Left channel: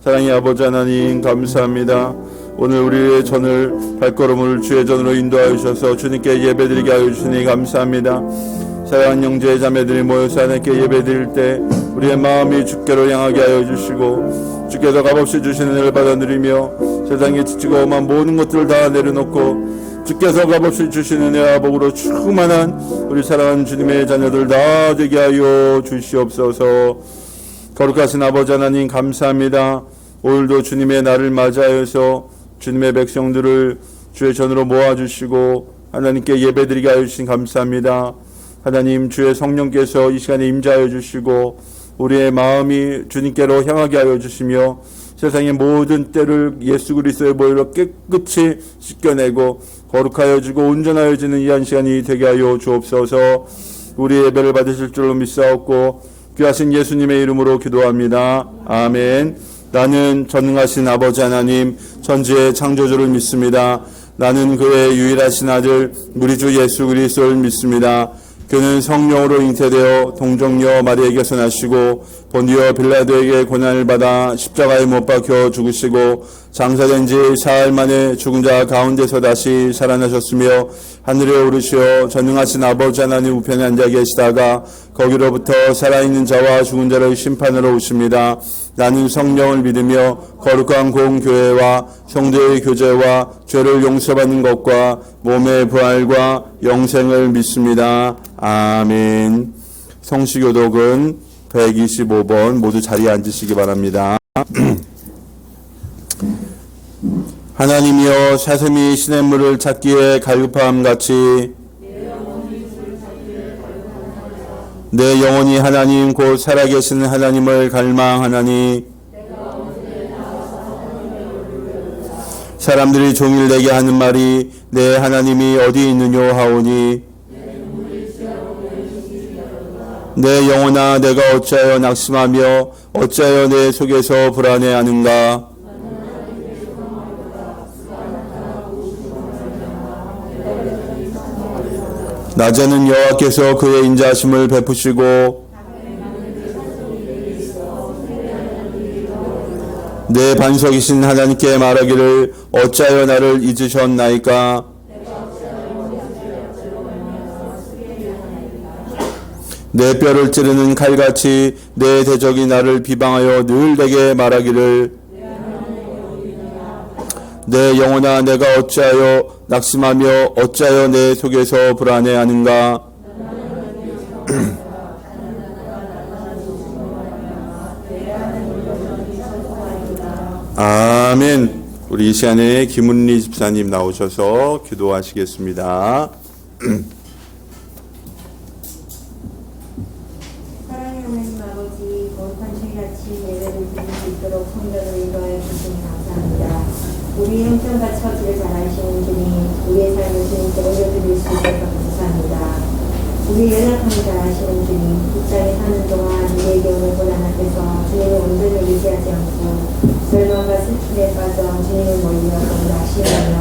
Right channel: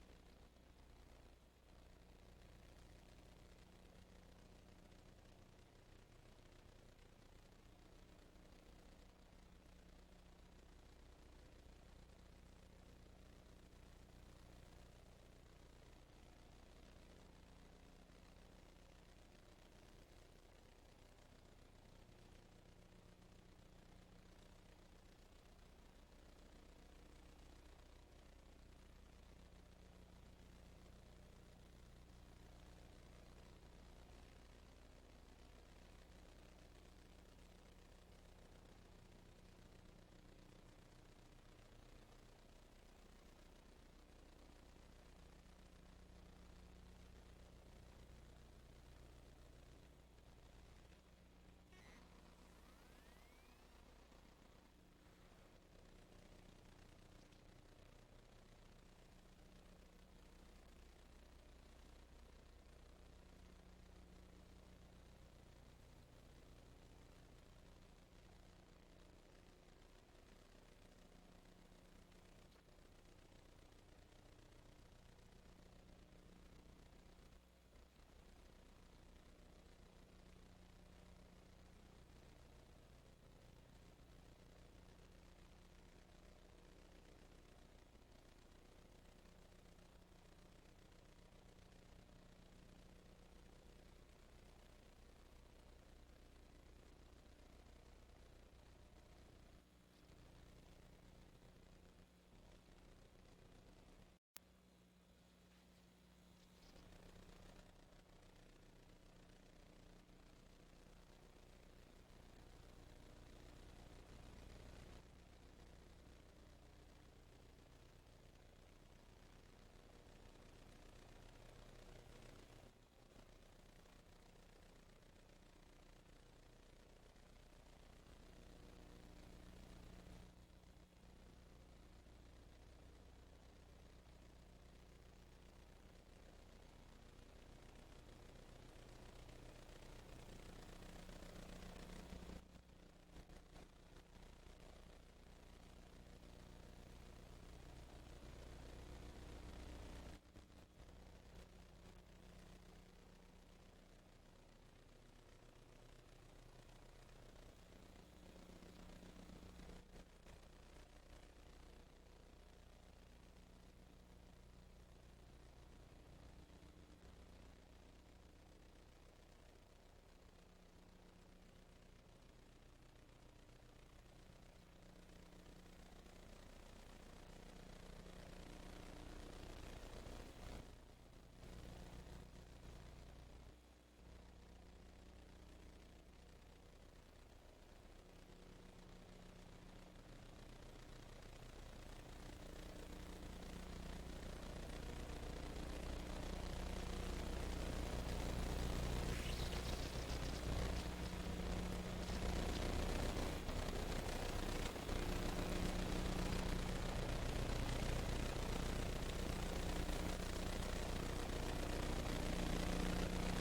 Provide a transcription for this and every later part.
사랑의 아버지 하나님 감사합니다. 오늘 우리의 전을 발걸음을 주의 전으로 인도하여 주셔서 주님께 예배드리게 하여 주시니 감사합니다. 사랑하는 형제 자매들이 모여서 하나님께 예배드릴 때 우리의 마음이 주께로 향하게 하여 주시고 주께서 값없이 주시는 은혜를 받아 누리며 세상에 지치고 험한 모든 것들을 다 내려놓고 주께서 값없이 주시는 은혜와 복으로 충만한 우리 사랑하는 주님의 자녀들 다 되게 하여 주시옵소서. 거룩하신 아버지 하나님 감사합니다. 오늘도 주님의 날을 맞이하여서 주님의 백성들을 주의 전으로 모아주시고 하나님께 예배드리게 하여 주신 감사합니다. 하나님 주의 성령께서 이 시간에 임재하여 주시고 우리의 마음이 주님께로 향하게 하여 주시며 세상의 모든 때를 예수 그리스도의 보혈로 깨끗이 씻겨내고 거룩하여 주고 온전하여지는 이 한 시간이 되게 하여 주옵소서. 우리의 예배를 받으실 줄로 믿사옵고 귀하신 예수님의 이름으로 기도합니다. 아멘. 나는 전능하신 아버지 하나님 천지의 창조주를 믿습니다. 나는 그의 유일하신 아들 우리 주 예수 그리스도를 믿습니다. 그는 성령으로 잉태되어 동정녀 마리아에게서 나시고 본디오 빌라도에게 고난을 받아 십자가에 못 박혀 죽으시고 장사된 지 사흘 만에 죽은 자 가운데서 다시 살아나셨으며 하늘에 오르시어 전능하신 아버지 하나님 우편에 앉아 계시다가 거기로부터 살아있는 자와 죽은 자를 심판하러 오십니다. 나는 성령을 믿으며 거룩한 공교회와 성도의 교제와 죄를 용서받는 것과 몸의 부활과 영생을 믿습니다. 아멘. 성시교독은 125번 모두 자리에 앉으시기 바랍니다. 하나님이여 사슴이 시냇물을 찾기에 갈급함같이 내 영혼이 하나님 곧 살아계신 하나님을 갈망하나니 사람들이 종일 내게 하는 말이 내 하나님이 어디 있느뇨 하오니 내 영혼아 내가 어찌하여 낙심하며 어찌하여 내 속에서 불안해하는가. 낮에는 여호와께서 그의 인자하심을 베푸시고 내 반석이신 하나님께 말하기를 어찌하여 나를 잊으셨나이까. 내 뼈를 찌르는 칼같이 내 대적이 나를 비방하여 늘 내게 말하기를 내 영혼아 내가 어찌하여 낙심하며 어찌하여 내 속에서 불안해하는가. 아멘. 우리 이 시간에 김은리 집사님 나오셔서 기도하시겠습니다. 사랑의 하나님 아버지, 거룩한 주일 아침 예배를 드릴 수 있도록 성전을 인도하여 주시니 감사합니다. 우리의 형편과 처지를 잘 아시는 분이 우리의 삶을 주님께 올려드릴 수 있어서 감사합니다. 우리의 연약함을 잘 아시는 분이 직장에 사는 동안 우리에게 오는 고난 앞에서 주님의 온전을 의지하지 않고 절망과 슬픔에 빠져 주님을 멀리하고 낙심하며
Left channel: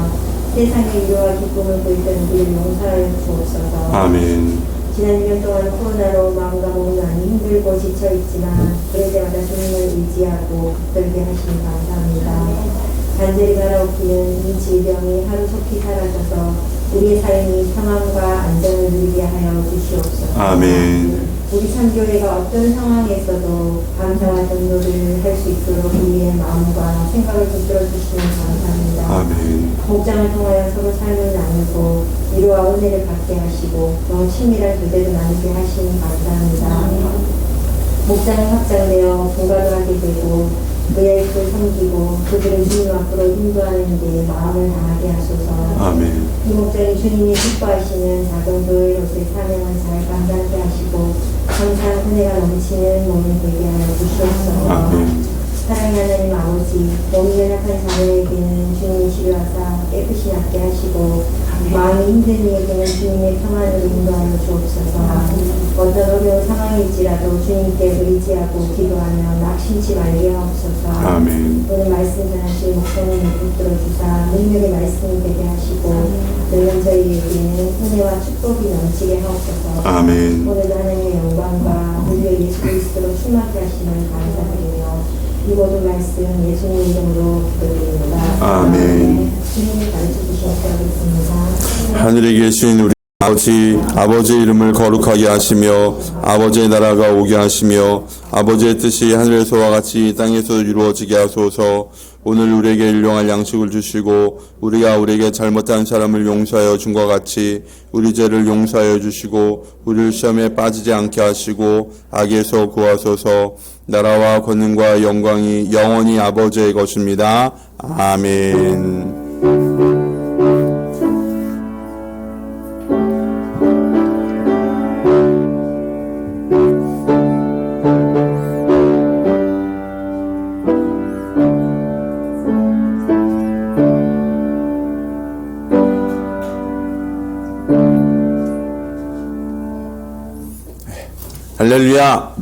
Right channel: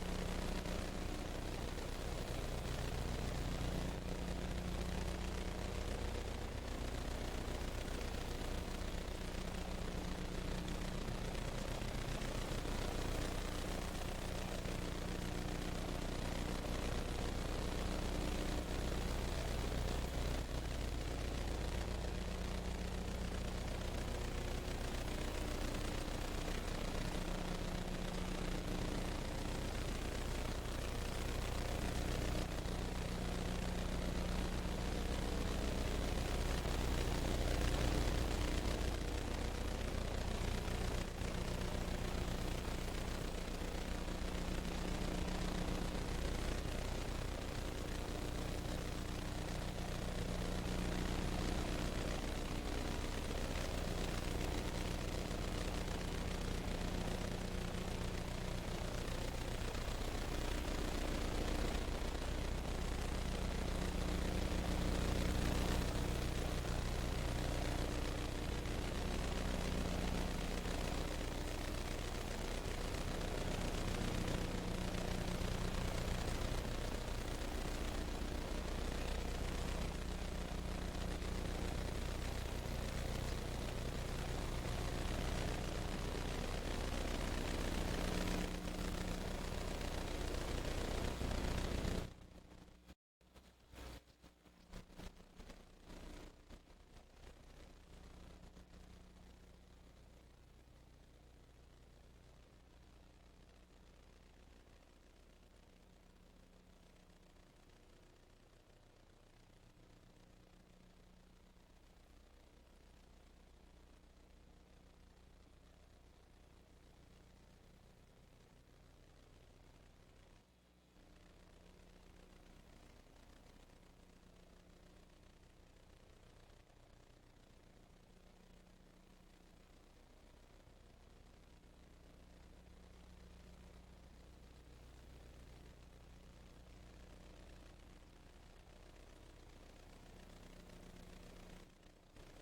세상의 위로와 기쁨을 보이던 우리를 용서하여 주옵소서. 아멘. 지난 1년 동안 코로나로 마음과 몸이 많이 힘들고 지쳐있지만 그럴 때마다 주님을 의지하고 붙들게 하시니 감사합니다. 간절히 바라옵기는 이 질병이 하루속히 사라져서 우리의 삶이 평안과 안정을 누리게 하여 주시옵소서. 아멘. 우리 참교회가 어떤 상황에서도 감사와 전도를 할 수 있도록 우리의 마음과 생각을 붙들어 주시니 감사합니다. 아멘. 목장을 통하여 서로 삶을 나누고 위로와 은혜를 받게 하시고 더 친밀한 교제를 나누게 하시니 감사합니다. 목장이 확장되어 분가를 하게 되고 의아익을 섬기고 그들을 주님 앞으로 인도하는 데 마음을 다하게 하소서. 아멘. 이 목장이 주님이 기뻐하시는 작은 교회로서의 사명을 잘 감당하게 하시고 항상 은혜가 넘치는 몸이 되게 하여 주시옵소서. 아멘. 사랑의 하나님 아버지, 몸이 연약한 자녀에게는 주님이 치료하사 깨끗이 낫게 하시고 마음이 힘든 이에게는 주님의 평안으로 인도하여 주옵소서. 어떤 어려운 상황일지라도 주님께 의지하고 기도하며 낙심치 말게 하옵소서. 아멘. 오늘 말씀 전하실 목사님을 붙들어 주사 능력의 말씀이 되게 하시고 들은 저희에게는 은혜와 축복이 넘치게 하옵소서. 아멘. 오늘도 하나님의 영광과 우리의 예수 그리스도로 충만케 하시는 감사드리며 이 모든 말씀 예수님 이름으로 기도드립니다. 아멘. 주님이 가르쳐 주시옵소서. 믿습니다. 하늘에 계신 우리 아버지 이름을 거룩하게 하시며 아버지의 나라가 오게 하시며 아버지의 뜻이 하늘에서와 같이 땅에서 이루어지게 하소서. 오늘 우리에게 일용할 양식을 주시고 우리가 우리에게 잘못한 사람을 용서하여 준 것 같이 우리 죄를 용서하여 주시고 우리를 시험에 빠지지 않게 하시고 악에서 구하소서. 나라와 권능과 영광이 영원히 아버지의 것입니다. 아멘. 할렐루야.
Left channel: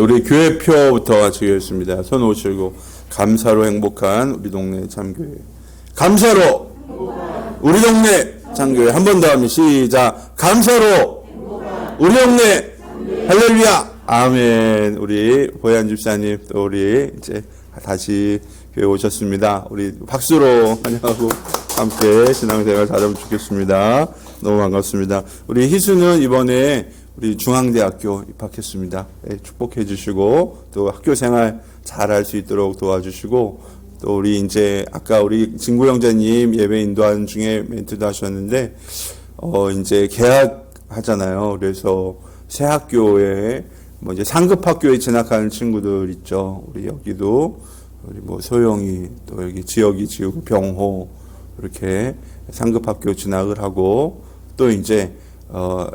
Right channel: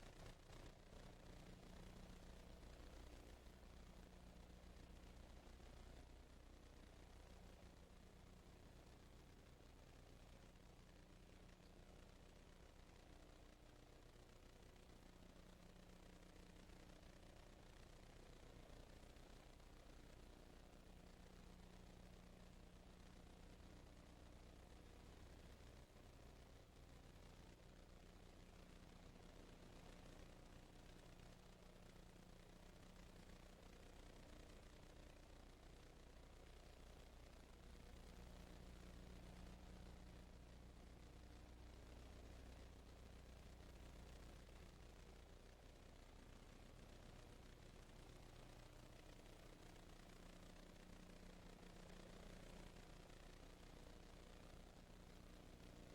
우리 교회표부터 마치겠습니다. 손 오시고 감사로 행복한 우리 동네 참교회. 감사로 우리 동네 참교회. 한 번 더 하면 시작. 감사로 우리 동네. 할렐루야. 아멘. 우리 보현 집사님 또 우리 이제 다시 교회 오셨습니다. 우리 박수로 환영하고 함께 신앙생활 잘하면 좋겠습니다. 너무 반갑습니다. 우리 희수는 이번에 우리 중앙대학교 입학했습니다. 축복해 주시고 또 학교 생활 잘 할 수 있도록 도와주시고 또 우리 이제 아까 우리 진구 형제님 예배 인도하는 중에 멘트도 하셨는데 이제 개학하잖아요. 그래서 새 학교에 뭐 이제 상급 학교에 진학하는 친구들 있죠. 우리 여기도 우리 뭐 소영이 또 여기 지역이 지우고 병호 이렇게 상급 학교 진학을 하고 또 이제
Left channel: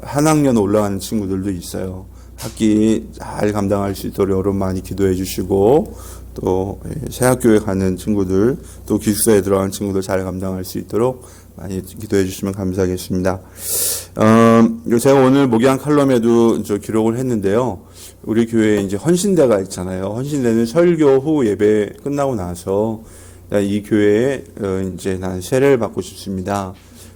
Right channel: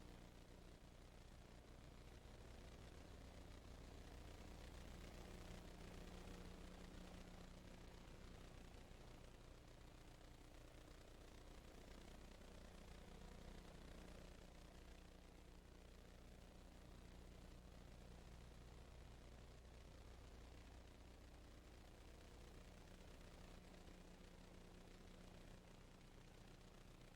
한 학년 올라가는 친구들도 있어요. 학기 잘 감당할 수 있도록 여러분 많이 기도해 주시고 또 새 학교에 가는 친구들 또 기숙사에 들어가는 친구들 잘 감당할 수 있도록 많이 기도해 주시면 감사하겠습니다. 제가 오늘 목양 칼럼에도 기록을 했는데요. 우리 교회에 이제 헌신대가 있잖아요. 헌신대는 설교 후 예배 끝나고 나서 이 교회에 이제 난 세례를 받고 싶습니다.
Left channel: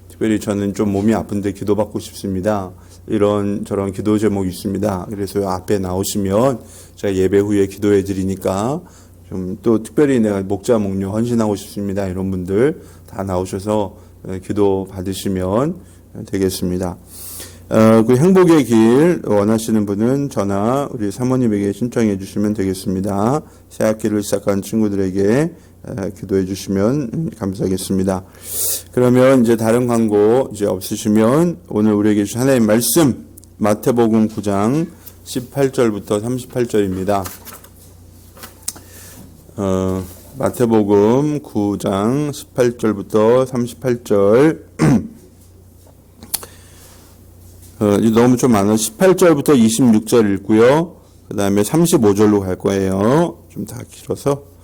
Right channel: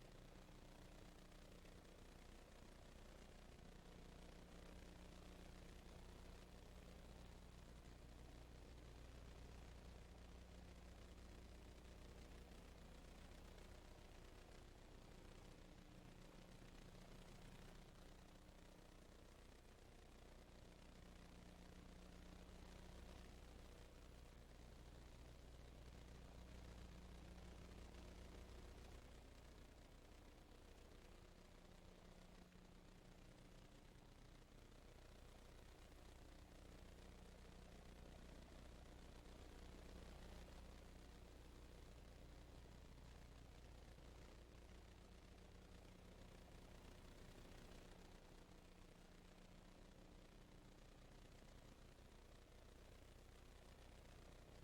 특별히 저는 좀 몸이 아픈데 기도받고 싶습니다. 이런 저런 기도 제목이 있습니다. 그래서 앞에 나오시면 제가 예배 후에 기도해 드리니까 좀 또 특별히 내가 목자 목료 헌신하고 싶습니다. 이런 분들 다 나오셔서 기도 받으시면 되겠습니다. 그 행복의 길 원하시는 분은 저나 우리 사모님에게 신청해 주시면 되겠습니다. 새 학기를 시작한 친구들에게 기도해 주시면 감사하겠습니다. 그러면 이제 다른 광고 이제 없으시면 오늘 우리에게 주신 하나님의 말씀 마태복음 9장 18절부터 38절입니다. 마태복음 9장 18절부터 38절 너무 좀 많아. 18절부터 26절 읽고요. 그 다음에 35절로 갈 거예요. 좀 다 길어서.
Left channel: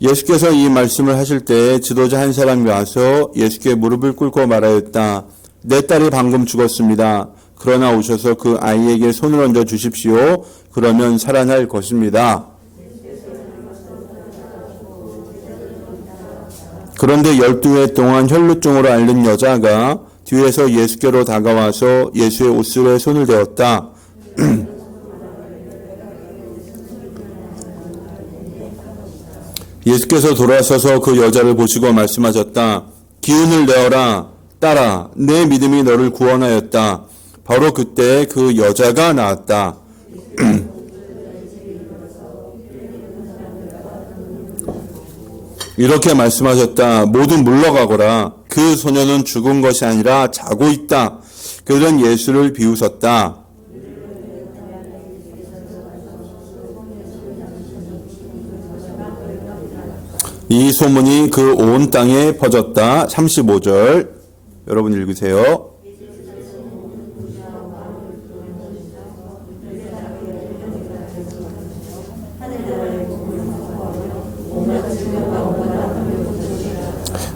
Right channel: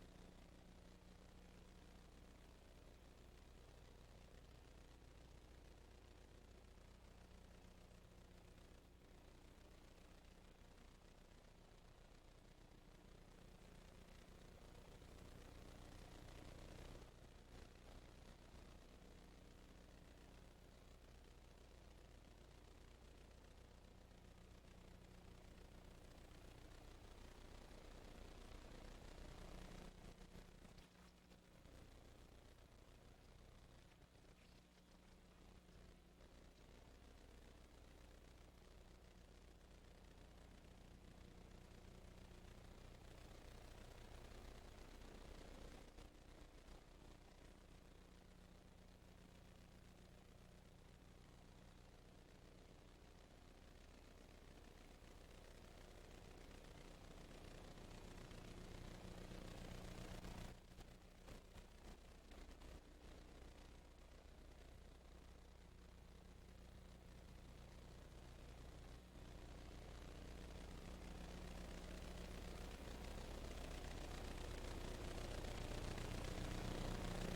예수께서 이 말씀을 하실 때 지도자 한 사람이 와서 예수께 무릎을 꿇고 말하였다. 내 딸이 방금 죽었습니다. 그러나 오셔서 그 아이에게 손을 얹어 주십시오. 그러면 살아날 것입니다. 그런데 12회 동안 혈루증으로 앓는 여자가 뒤에서 예수께로 다가와서 예수의 옷술에 손을 대었다. 예수께서 돌아서서 그 여자를 보시고 말씀하셨다. 기운을 내어라. 딸아, 내 믿음이 너를 구원하였다. 바로 그때 그 여자가 나았다. 이렇게 말씀하셨다. 모두 물러가거라. 그 소녀는 죽은 것이 아니라 자고 있다. 그들은 예수를 비웃었다. 이 소문이 그 온 땅에 퍼졌다. 35절 여러분 읽으세요.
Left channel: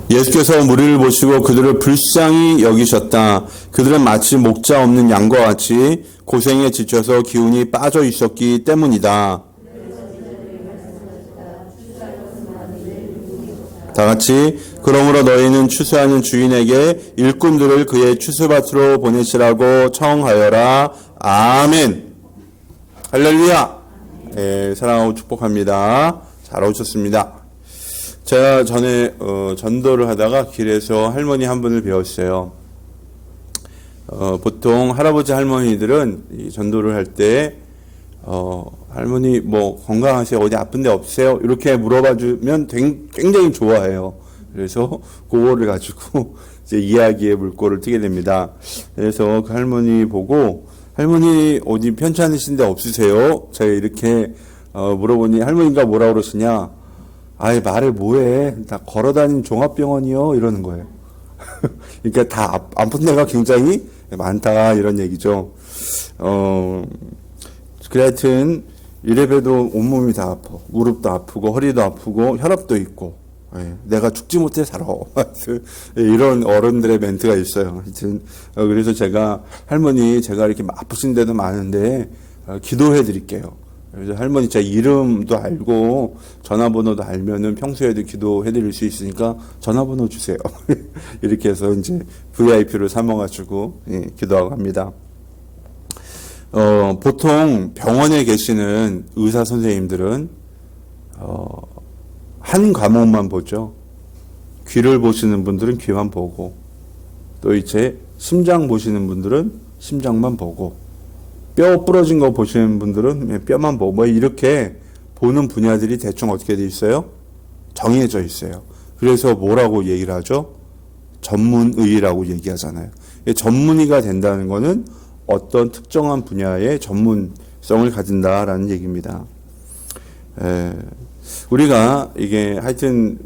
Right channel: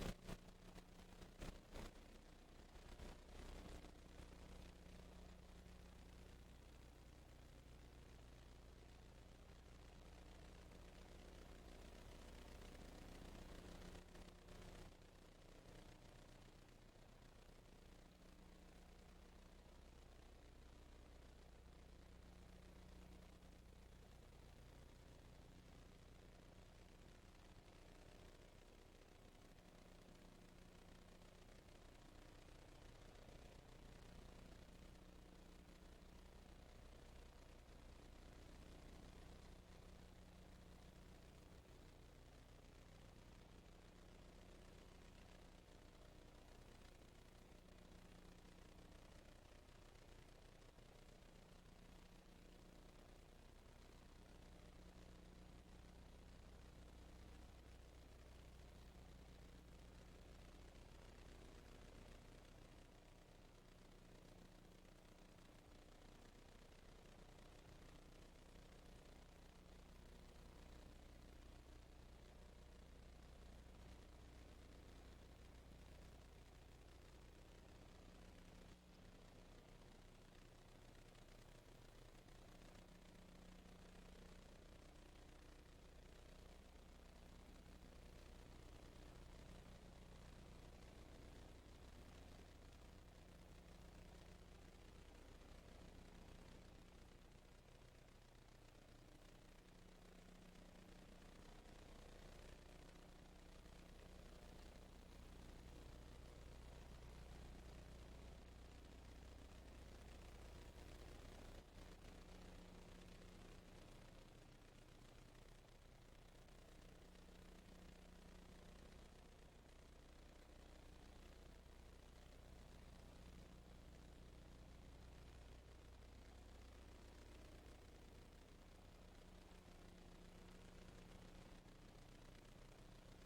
예수께서 무리를 보시고 그들을 불쌍히 여기셨다. 그들은 마치 목자 없는 양과 같이 고생에 지쳐서 기운이 빠져 있었기 때문이다. 다 같이 그러므로 너희는 추수하는 주인에게 일꾼들을 그의 추수밭으로 보내시라고 청하여라. 아멘. 할렐루야. 사랑하고 축복합니다. 잘 오셨습니다. 제가 전에 전도를 하다가 길에서 할머니 한 분을 배웠어요. 보통 할아버지 할머니들은 이 전도를 할 때 할머니 뭐 건강하세요? 어디 아픈 데 없으세요? 이렇게 물어봐 주면 굉장히 좋아해요. 그래서 그거를 가지고 이제 이야기의 물꼬를 트게 됩니다. 그래서 그 할머니 보고 할머니 어디 편찮으신 데 없으세요? 제가 이렇게 물어보니 할머니가 뭐라 그러시냐? 아이 말을 뭐해? 다 걸어다니는 종합병원이요? 이러는 거예요. 그러니까 다 아픈 데가 굉장히 많다 이런 얘기죠. 그래 하여튼 이래봬도 온몸이 다 아파. 무릎도 아프고 허리도 아프고 혈압도 있고 내가 죽지 못해 살아. 이런 어른들의 멘트가 있어요. 하여튼 그래서 제가 할머니 제가 이렇게 아프신 데도 많은데 기도해 드릴게요. 그래서 할머니 제 이름도 알고 전화번호도 알면은 평소에도 기도해 드릴 수 있으니까 전화번호 주세요. 이렇게 해서 이제 VIP를 삼아가지고 기도하고 합니다. 보통 병원에 계시는 의사 선생님들은 한 과목만 보죠. 귀를 보시는 분들은 귀만 보고, 또 이제 심장 보시는 분들은 심장만 보고, 뼈 부러진 거 보시는 분들은 뼈만 보고, 뭐 이렇게 보는 분야들이 대충 어떻게 돼 있어요? 정해져 있어요. 그래서 뭐라고 얘기를 하죠? 전문의라고 얘기하잖아요. 전문의가 된다는 거는 어떤 특정한 분야의 전문성을 가진다라는 얘기입니다. 우리가 이게 하여튼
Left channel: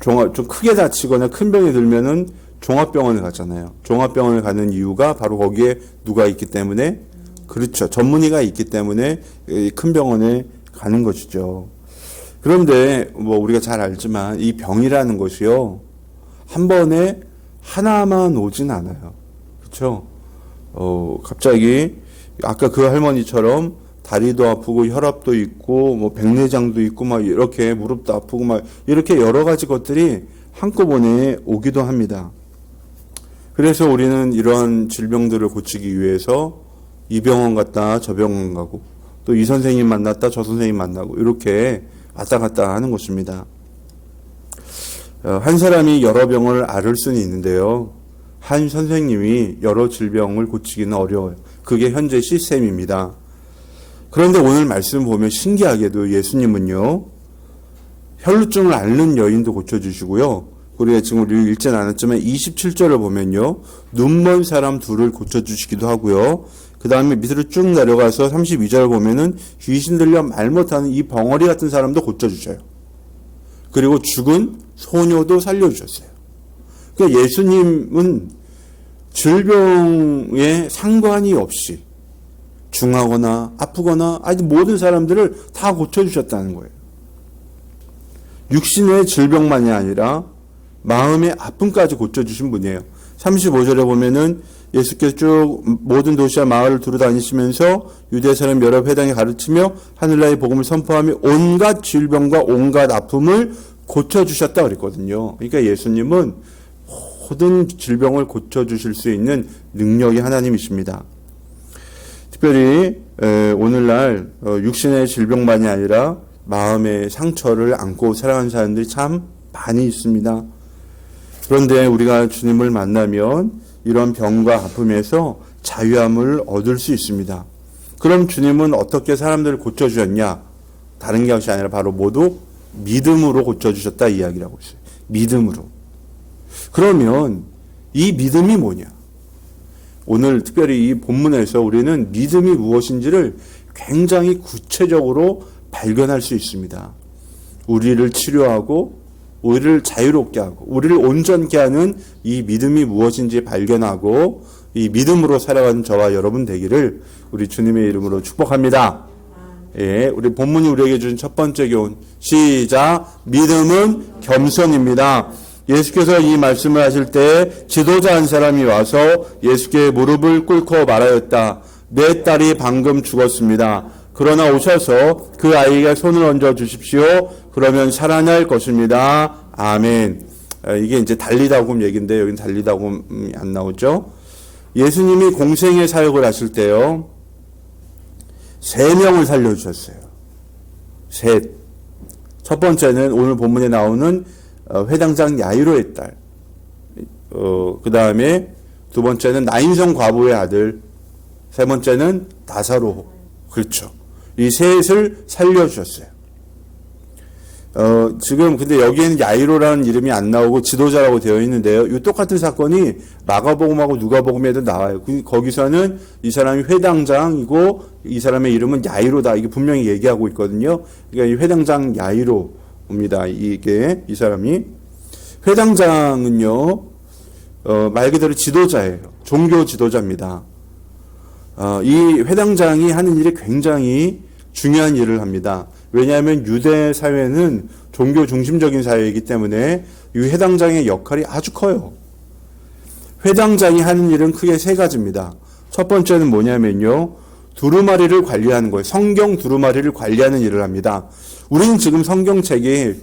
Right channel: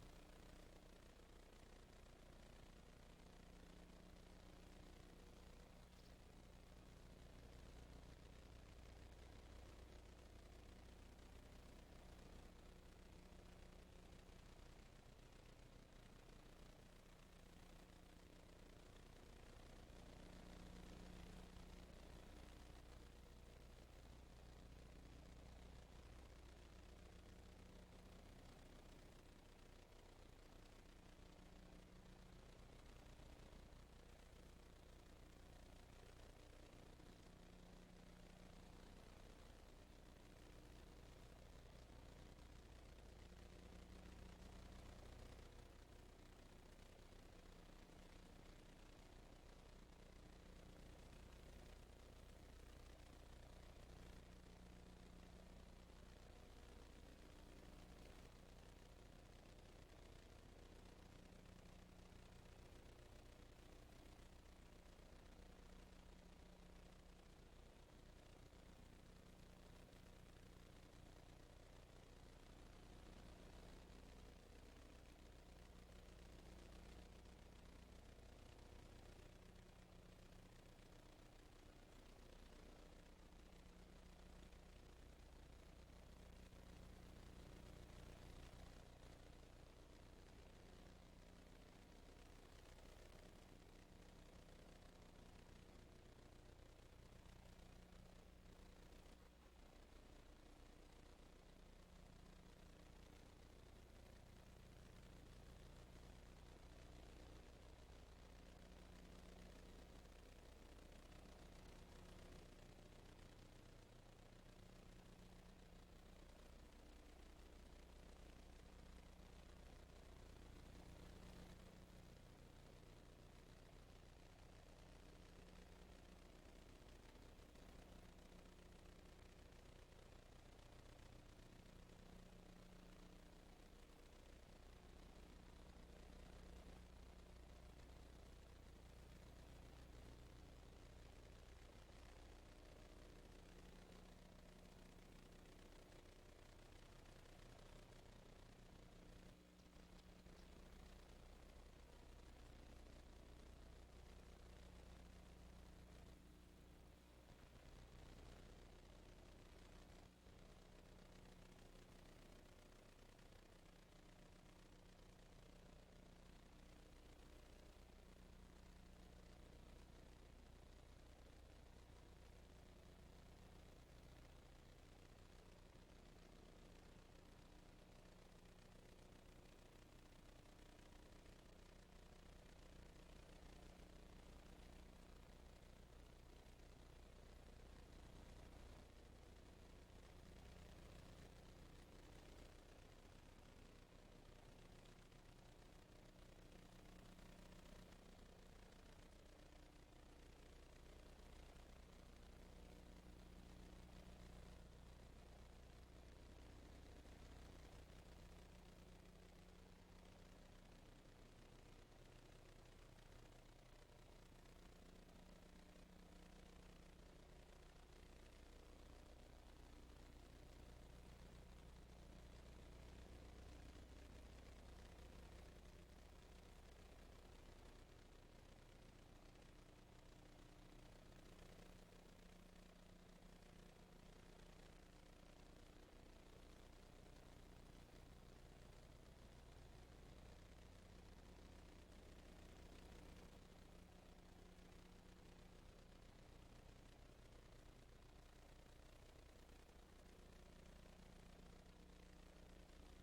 좀 크게 다치거나 큰 병이 들면은 종합병원을 가잖아요. 종합병원을 가는 이유가 바로 거기에 누가 있기 때문에, 그렇죠. 전문의가 있기 때문에 큰 병원에 가는 것이죠. 그런데 뭐 우리가 잘 알지만 이 병이라는 것이요, 한 번에 하나만 오진 않아요. 그렇죠? 갑자기 아까 그 할머니처럼 다리도 아프고 혈압도 있고 뭐 백내장도 있고 막 이렇게 무릎도 아프고 막 이렇게 여러 가지 것들이 한꺼번에 오기도 합니다. 그래서 우리는 이런 질병들을 고치기 위해서 이 병원 갔다 저 병원 가고 또 이 선생님 만났다 저 선생님 만나고 이렇게 왔다 갔다 하는 것입니다. 한 사람이 여러 병을 앓을 수는 있는데요. 한 선생님이 여러 질병을 고치기는 어려워요. 그게 현재 시스템입니다. 그런데 오늘 말씀 보면 신기하게도 예수님은요, 혈루증을 앓는 여인도 고쳐주시고요. 우리가 지금 우리 읽지는 않았지만 27절을 보면요, 눈먼 사람 둘을 고쳐주시기도 하고요. 그 다음에 밑으로 쭉 내려가서 32절 보면은 귀신 들려 말 못하는 이 벙어리 같은 사람도 고쳐주셔요. 그리고 죽은 소녀도 살려주셨어요. 그러니까 예수님은 질병에 상관이 없이 중하거나 아프거나 아니 모든 사람들을 다 고쳐주셨다는 거예요. 육신의 질병만이 아니라 마음의 아픔까지 고쳐주신 분이에요. 35절에 보면은 예수께서 쭉 모든 도시와 마을을 두루다니시면서 유대 사람 여러 회당에 가르치며 하늘나라의 복음을 선포하며 온갖 질병과 온갖 아픔을 고쳐주셨다 그랬거든요. 그러니까 예수님은 모든 질병을 고쳐주실 수 있는 능력이 하나님이십니다. 특별히 오늘날 육신의 질병만이 아니라 마음의 상처를 안고 살아가는 사람들이 참 많이 있습니다. 그런데 우리가 주님을 만나면 이런 병과 아픔에서 자유함을 얻을 수 있습니다. 그럼 주님은 어떻게 사람들을 고쳐주셨냐? 다른 것이 아니라 바로 모두 믿음으로 고쳐주셨다 이야기라고 했어요. 믿음으로. 그러면 이 믿음이 뭐냐? 오늘 특별히 이 본문에서 우리는 믿음이 무엇인지를 굉장히 구체적으로 발견할 수 있습니다. 우리를 치료하고 우리를 자유롭게 하고 우리를 온전케 하는 이 믿음이 무엇인지 발견하고 이 믿음으로 살아가는 저와 여러분 되기를 우리 주님의 이름으로 축복합니다. 예, 우리 본문이 우리에게 주신 첫 번째 교훈 시작. 믿음은 겸손입니다. 예수께서 이 말씀을 하실 때 지도자 한 사람이 와서 예수께 무릎을 꿇고 말하였다. 내 딸이 방금 죽었습니다. 그러나 오셔서 그 아이에게 손을 얹어 주십시오. 그러면 살아날 것입니다. 아멘. 이게 이제 달리다곰 얘기인데 여기는 달리다곰이 안 나오죠. 예수님이 공생의 사역을 하실 때요, 3명을 살려주셨어요. 셋. 첫 번째는 오늘 본문에 나오는 회당장 야이로의 딸. 그 다음에 두 번째는 나인성 과부의 아들. 세 번째는 나사로. 그렇죠. 이 셋을 살려주셨어요. 지금 근데 여기에는 야이로라는 이름이 안 나오고 지도자라고 되어 있는데요. 이 똑같은 사건이 마가복음하고 누가복음에도 나와요. 거기서는 이 사람이 회당장이고 이 사람의 이름은 야이로다. 이게 분명히 얘기하고 있거든요. 그러니까 이 회당장 야이로입니다. 이게 이 사람이 회당장은요 말 그대로 지도자예요. 종교 지도자입니다. 이 회당장이 하는 일이 굉장히 중요한 일을 합니다. 왜냐하면 유대 사회는 종교 중심적인 사회이기 때문에 이 회당장의 역할이 아주 커요. 회당장이 하는 일은 크게 세 가지입니다. 첫 번째는 뭐냐면요. 두루마리를 관리하는 거예요. 성경 두루마리를 관리하는 일을 합니다. 우리는 지금 성경책이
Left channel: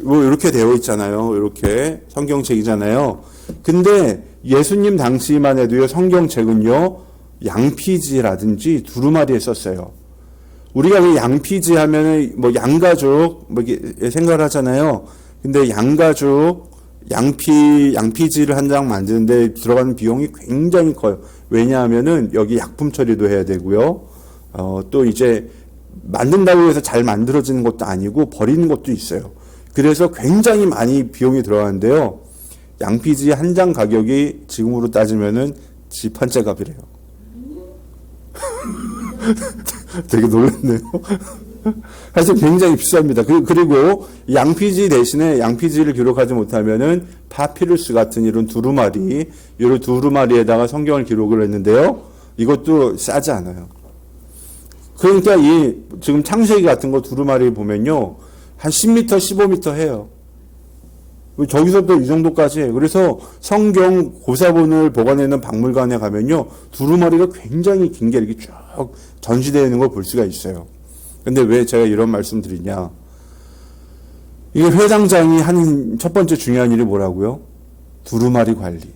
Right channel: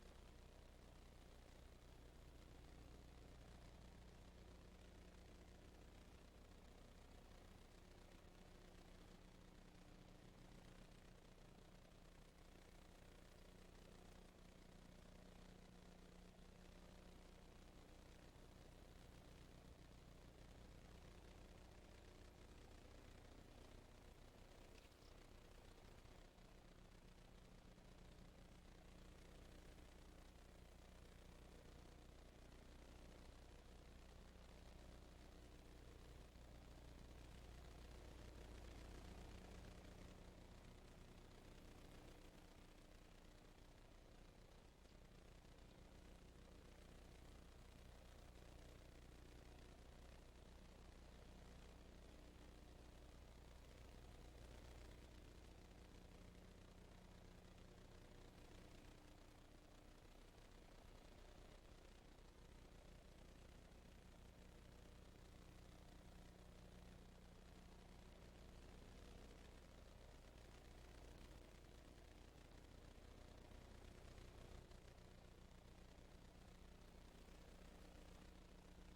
뭐 이렇게 되어 있잖아요. 이렇게 성경책이잖아요. 근데 예수님 당시만 해도요. 성경책은요. 양피지라든지 두루마리에 썼어요. 우리가 왜 양피지 하면은 뭐 양가죽 뭐 이렇게 생각을 하잖아요. 근데 양가죽, 양피지를 한 장 만드는데 들어가는 비용이 굉장히 커요. 왜냐하면은 여기 약품 처리도 해야 되고요. 또 이제 만든다고 해서 잘 만들어지는 것도 아니고 버리는 것도 있어요. 그래서 굉장히 많이 비용이 들어가는데요. 양피지 한 장 가격이 지금으로 따지면은 집 한 채 값이래요. 되게 놀랐네요. 사실 굉장히 비쌉니다. 그리고 양피지 대신에 양피지를 기록하지 못하면은 파피루스 같은 이런 두루마리에다가 성경을 기록을 했는데요. 이것도 싸지 않아요. 그러니까 이 지금 창세기 같은 거 두루마리 보면요. 한 10m, 15m 해요. 저기서부터 이 정도까지 해요. 그래서 성경 고사본을 보관하는 박물관에 가면요. 두루마리가 굉장히 긴 게 이렇게 쭉 전시되어 있는 걸 볼 수가 있어요. 근데 왜 제가 이런 말씀 드리냐. 이게 회당장이 하는 첫 번째 중요한 일이 뭐라고요? 두루마리 관리.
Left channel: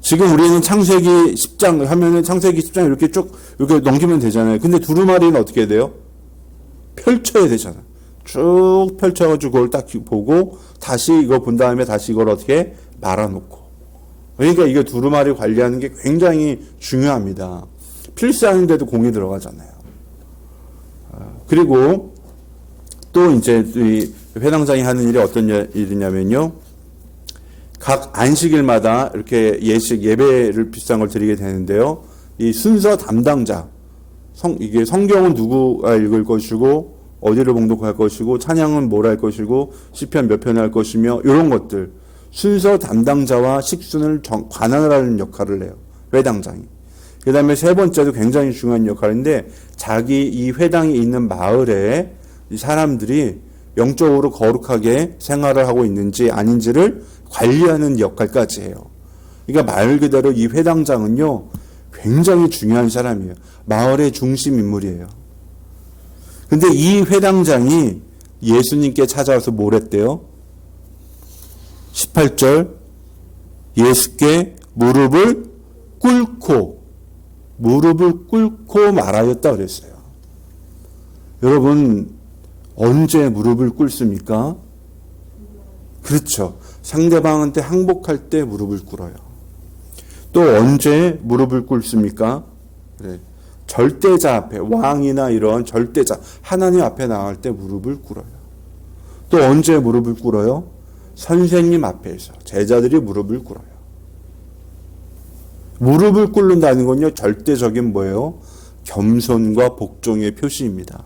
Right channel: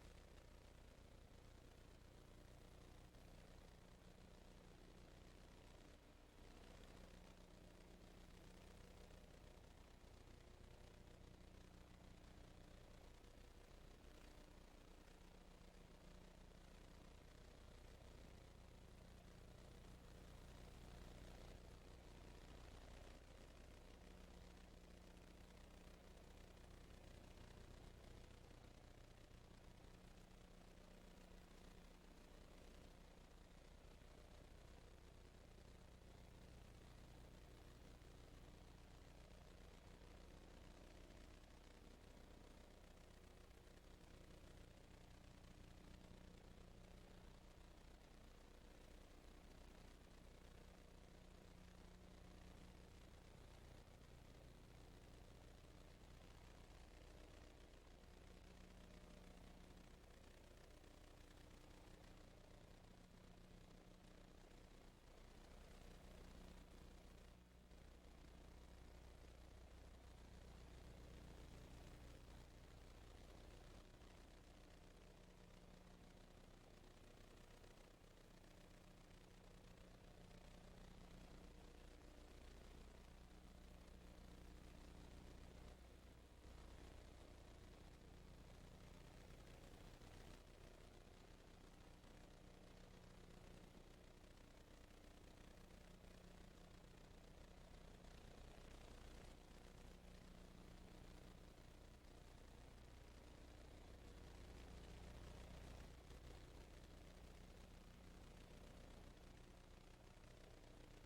지금 우리는 창세기 10장 하면은 창세기 10장 이렇게 쭉 이렇게 넘기면 되잖아요. 근데 두루마리는 어떻게 해야 돼요? 펼쳐야 되잖아요. 쭉 펼쳐가지고 그걸 딱 보고 다시 이거 본 다음에 다시 이걸 어떻게 말아놓고. 그러니까 이게 두루마리 관리하는 게 굉장히 중요합니다. 필수하는데도 공이 들어가잖아요. 그리고 또 이제 이 회당장이 하는 일이 어떤 일이냐면요. 각 안식일마다 이렇게 예배를 비싼 걸 드리게 되는데요. 이 순서 담당자, 이게 성경은 누구가 읽을 것이고 어디를 봉독할 것이고 찬양은 뭘 할 것이고 시편 몇 편을 할 것이며 이런 것들 순서 담당자와 식순을 관할을 하는 역할을 해요. 회당장이. 그 다음에 세 번째도 굉장히 중요한 역할인데 자기 이 회당이 있는 마을에 이 사람들이 영적으로 거룩하게 생활을 하고 있는지 아닌지를 관리하는 역할까지 해요. 그러니까 말 그대로 이 회당장은요 굉장히 중요한 사람이에요. 마을의 중심 인물이에요. 근데 이 회당장이 예수님께 찾아와서 뭘 했대요? 18절 예수께 무릎을 꿇고 말하였다 그랬어요. 여러분 언제 무릎을 꿇습니까? 그렇죠. 상대방한테 항복할 때 무릎을 꿇어요. 또 언제 무릎을 꿇습니까? 그래. 절대자 앞에 왕이나 이런 절대자 하나님 앞에 나갈 때 무릎을 꿇어요. 또 언제 무릎을 꿇어요? 선생님 앞에서 제자들이 무릎을 꿇어요. 무릎을 꿇는다는 건요 절대적인 뭐예요? 겸손과 복종의 표시입니다.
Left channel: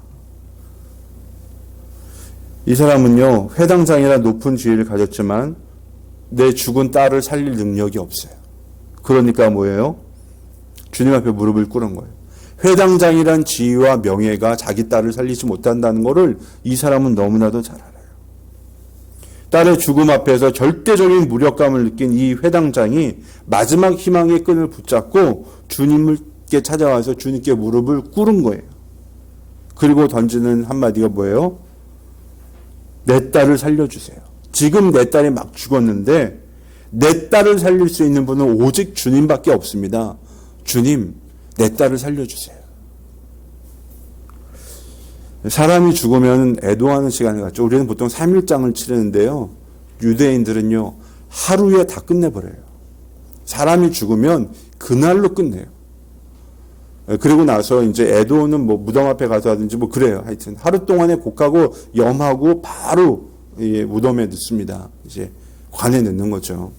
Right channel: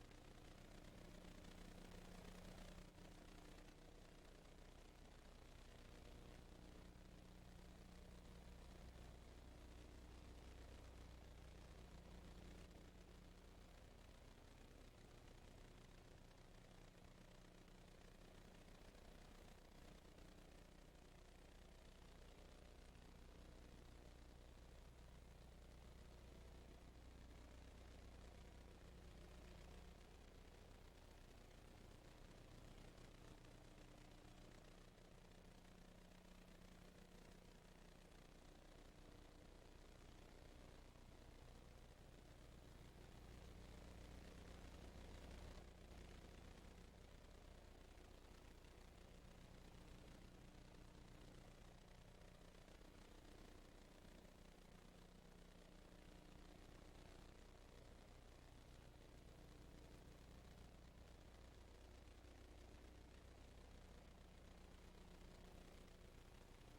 이 사람은요 회당장이라 높은 지위를 가졌지만 내 죽은 딸을 살릴 능력이 없어요. 그러니까 뭐예요? 주님 앞에 무릎을 꿇은 거예요. 회당장이란 지위와 명예가 자기 딸을 살리지 못한다는 것을 이 사람은 너무나도 잘 알아요. 딸의 죽음 앞에서 절대적인 무력감을 느낀 이 회당장이 마지막 희망의 끈을 붙잡고 주님께 찾아와서 주님께 무릎을 꿇은 거예요. 그리고 던지는 한마디가 뭐예요? 내 딸을 살려주세요. 지금 내 딸이 막 죽었는데 내 딸을 살릴 수 있는 분은 오직 주님밖에 없습니다. 주님, 내 딸을 살려주세요. 사람이 죽으면 애도하는 시간을 갖죠. 우리는 보통 3일장을 치르는데요. 유대인들은요, 하루에 다 끝내버려요. 사람이 죽으면 그날로 끝내요. 그리고 나서 이제 애도는 뭐 무덤 앞에 가서 하든지 뭐 그래요. 하여튼 하루 동안에 곡하고 염하고 바로 무덤에 넣습니다. 이제 관에 넣는 거죠.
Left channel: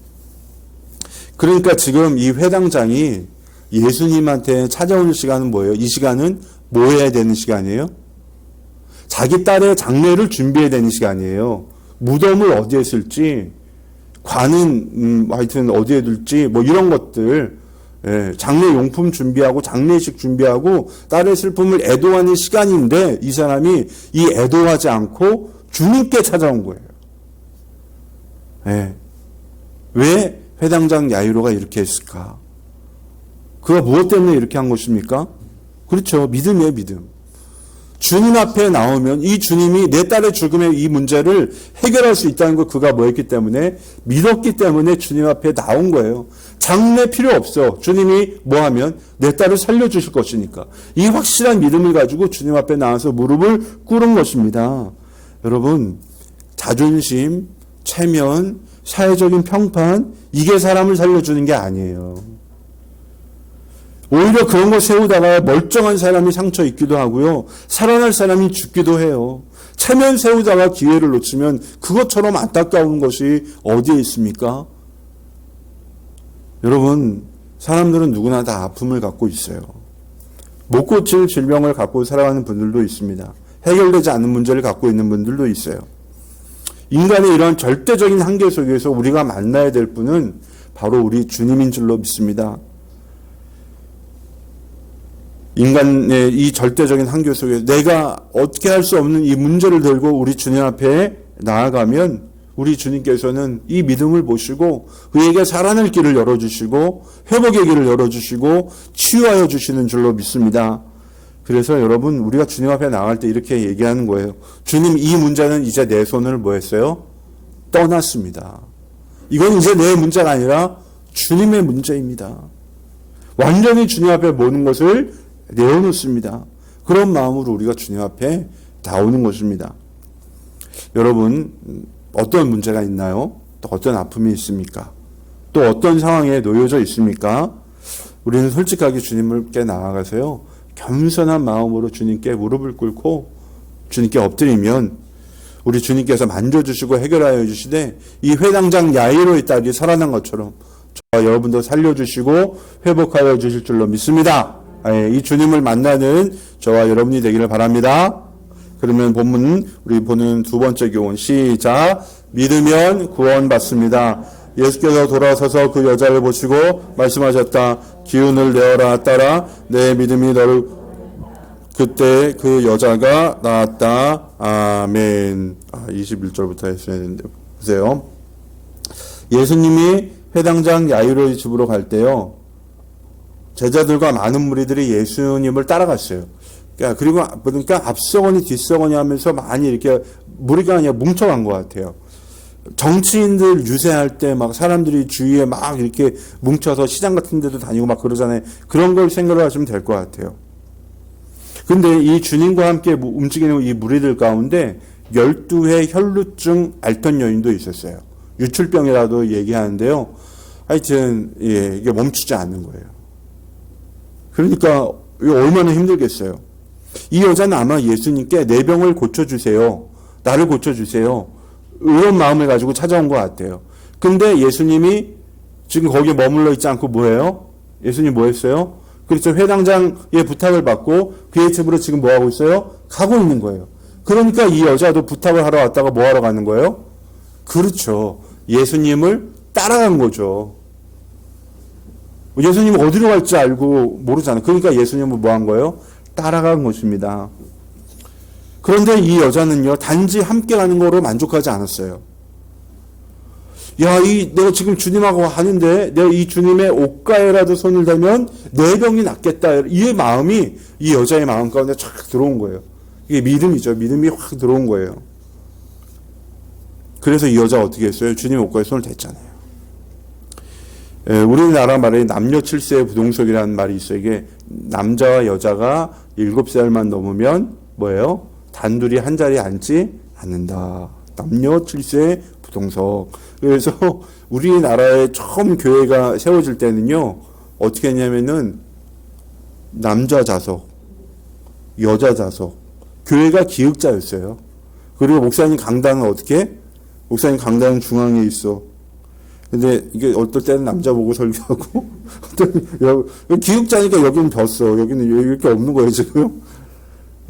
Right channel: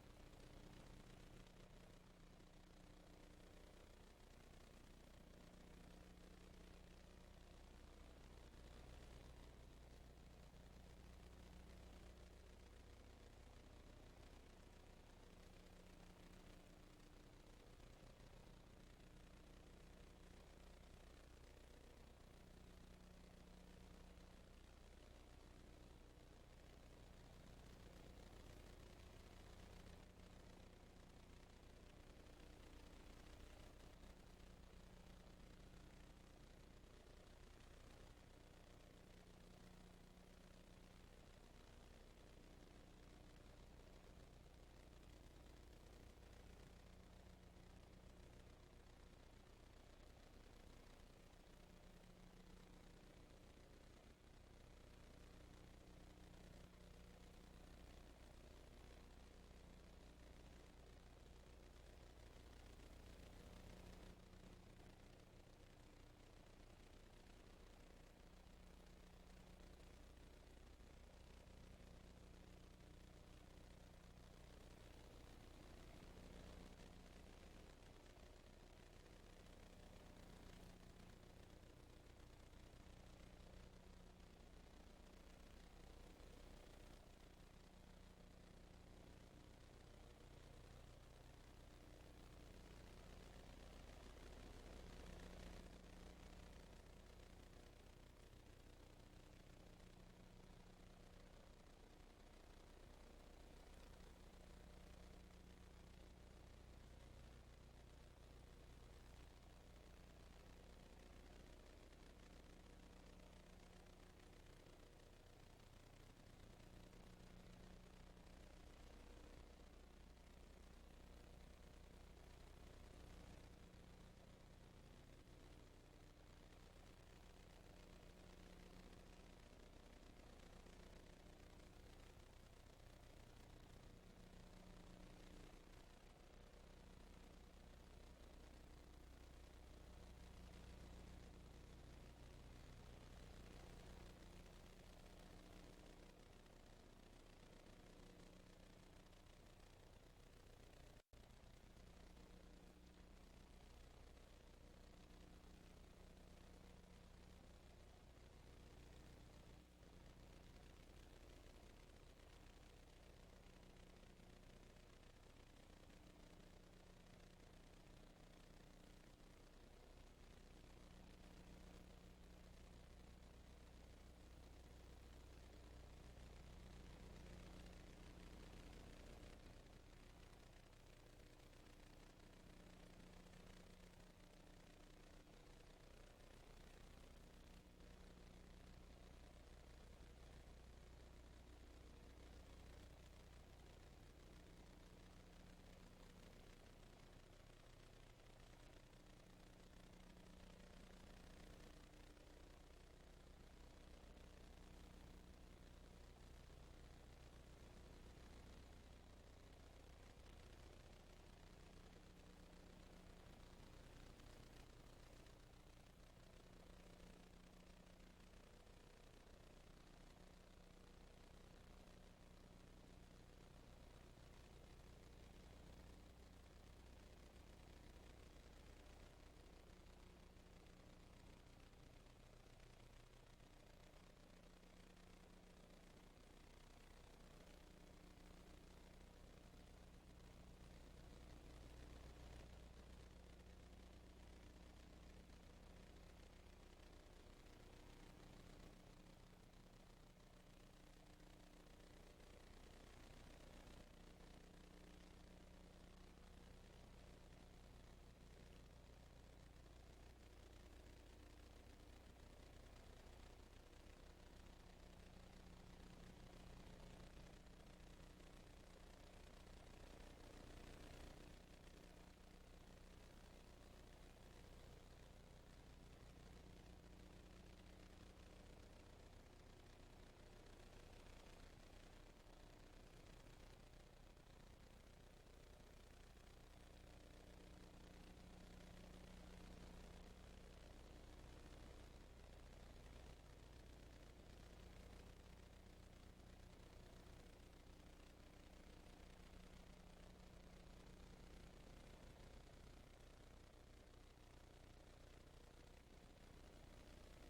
그러니까 지금 이 회당장이 예수님한테 찾아오는 시간은 뭐예요? 이 시간은 뭐 해야 되는 시간이에요? 자기 딸의 장례를 준비해야 되는 시간이에요. 무덤을 어디에 쓸지, 관은 하여튼 어디에 둘지 뭐 이런 것들, 장례 용품 준비하고 장례식 준비하고 딸의 슬픔을 애도하는 시간인데 이 사람이 이 애도하지 않고 주님께 찾아온 거예요. 왜 회당장 야이로가 이렇게 했을까? 그가 무엇 때문에 이렇게 한 것입니까? 그렇죠. 믿음이에요, 믿음. 주님 앞에 나오면 이 주님이 내 딸의 죽음의 이 문제를 해결할 수 있다는 걸 그가 뭐 했기 때문에? 믿었기 때문에 주님 앞에 나온 거예요. 장례 필요 없어. 주님이 뭐 하면? 내 딸을 살려주실 것이니까. 이 확실한 믿음을 가지고 주님 앞에 나와서 무릎을 꿇은 것입니다. 여러분, 자존심, 체면, 사회적인 평판, 이게 사람을 살려주는 게 아니에요. 오히려 그런 거 세우다가 멀쩡한 사람이 상처 입기도 하고요. 살아날 사람이 죽기도 해요. 체면 세우다가 기회를 놓치면 그것처럼 안타까운 것이 어디에 있습니까? 여러분, 사람들은 누구나 다 아픔을 갖고 있어요. 못 고칠 질병을 갖고 살아가는 분들도 있습니다. 해결되지 않는 문제를 갖고 있는 분들도 있어요. 인간의 이런 절대적인 한계 속에서 우리가 만나야 될 분은 바로 우리 주님인 줄로 믿습니다. 인간의 이 절대적인 한계 속에 내가 어떻게 할 수 없는 이 문제를 들고 우리 주님 앞에 나아가면 우리 주님께서는 이 믿음을 보시고 그에게 살아날 길을 열어주시고 회복의 길을 열어주시고 치유하여 주시는 줄로 믿습니다. 그래서 여러분, 우리가 주님 앞에 나갈 때 이렇게 얘기하는 거예요. 주님, 이 문제는 이제 내 손을 뭐 했어요? 떠났습니다. 이건 이제 내 문제가 아니라 주님의 문제입니다. 완전히 주님 앞에 모는 것을 내어놓습니다. 그런 마음으로 우리가 주님 앞에 나오는 것입니다. 여러분, 어떤 문제가 있나요? 또 어떤 아픔이 있습니까? 또 어떤 상황에 놓여져 있습니까? 우리는 솔직하게 주님께 나아가서요, 겸손한 마음으로 주님께 무릎을 꿇고 주님께 엎드리면 우리 주님께서 만져주시고 해결하여 주시되 이 회당장 야이로의 딸이 살아난 것처럼 저와 여러분도 살려주시고 회복하여 주실 줄로 믿습니다. 이 주님을 만나는 저와 여러분이 되기를 바랍니다. 그러면 본문 우리 보는 두 번째 교훈 시작. 믿으면 구원받습니다. 예수께서 돌아서서 그 여자를 보시고 말씀하셨다. 기운을 내어라 딸아, 내 믿음이 너를. 그때 그 여자가 나았다. 아멘. 21절부터 했어야 되는데 보세요. 예수님이 회당장 야이로의 집으로 갈 때요, 제자들과 많은 무리들이 예수님을 따라갔어요. 그러니까 앞서거니 뒤서거니 하면서 많이 이렇게 무리가 아니라 뭉쳐간 것 같아요. 정치인들 유세할 때 막 사람들이 주위에 막 이렇게 뭉쳐서 시장 같은 데도 다니고 막 그러잖아요. 그런 걸 생각을 하시면 될 것 같아요. 근데 이 주님과 함께 움직이는 이 무리들 가운데 12회 혈루증 앓던 여인도 있었어요. 유출병이라도 얘기하는데요. 하여튼 이게 멈추지 않는 거예요. 그러니까 얼마나 힘들겠어요. 이 여자는 아마 예수님께 내 병을 고쳐주세요. 나를 고쳐주세요. 이런 마음을 가지고 찾아온 것 같아요. 근데 예수님이 지금 거기에 머물러 있지 않고 뭐예요? 예수님 뭐 했어요? 그렇죠. 회당장의 부탁을 받고 그의 집으로 지금 뭐 하고 있어요? 가고 있는 거예요. 그러니까 이 여자도 부탁을 하러 왔다가 뭐 하러 가는 거예요? 그렇죠. 예수님을 따라간 거죠. 예수님이 어디로 갈지 알고 모르잖아요. 그러니까 예수님은 뭐 한 거예요? 따라간 것입니다. 그런데 이 여자는요, 단지 함께 가는 거로 만족하지 않았어요. 내가 지금 주님하고 하는데, 내가 이 주님의 옷가에라도 손을 대면 내 병이 낫겠다. 이 마음이 이 여자의 마음 가운데 쫙 들어온 거예요. 이게 믿음이죠. 믿음이 확 들어온 거예요. 그래서 이 여자가 어떻게 했어요? 주님의 옷가에 손을 댔잖아요. 우리나라 말에 남녀 7세의 부동석이라는 말이 있어요. 이게 남자와 여자가 7살만 넘으면 뭐예요? 단둘이 한 자리에 앉지 않는다. 남녀 칠세 부동석. 그래서 우리나라에 처음 교회가 세워질 때는요, 어떻게 했냐면은 남자 좌석, 여자 좌석, 교회가 기역자였어요. 그리고 목사님 강당은 어떻게? 목사님 강당은 중앙에 있어. 근데 이게 어떨 때는 남자 보고 설교하고, 기역자니까 여기는 졌어. 여기는 이렇게 없는 거예요, 지금.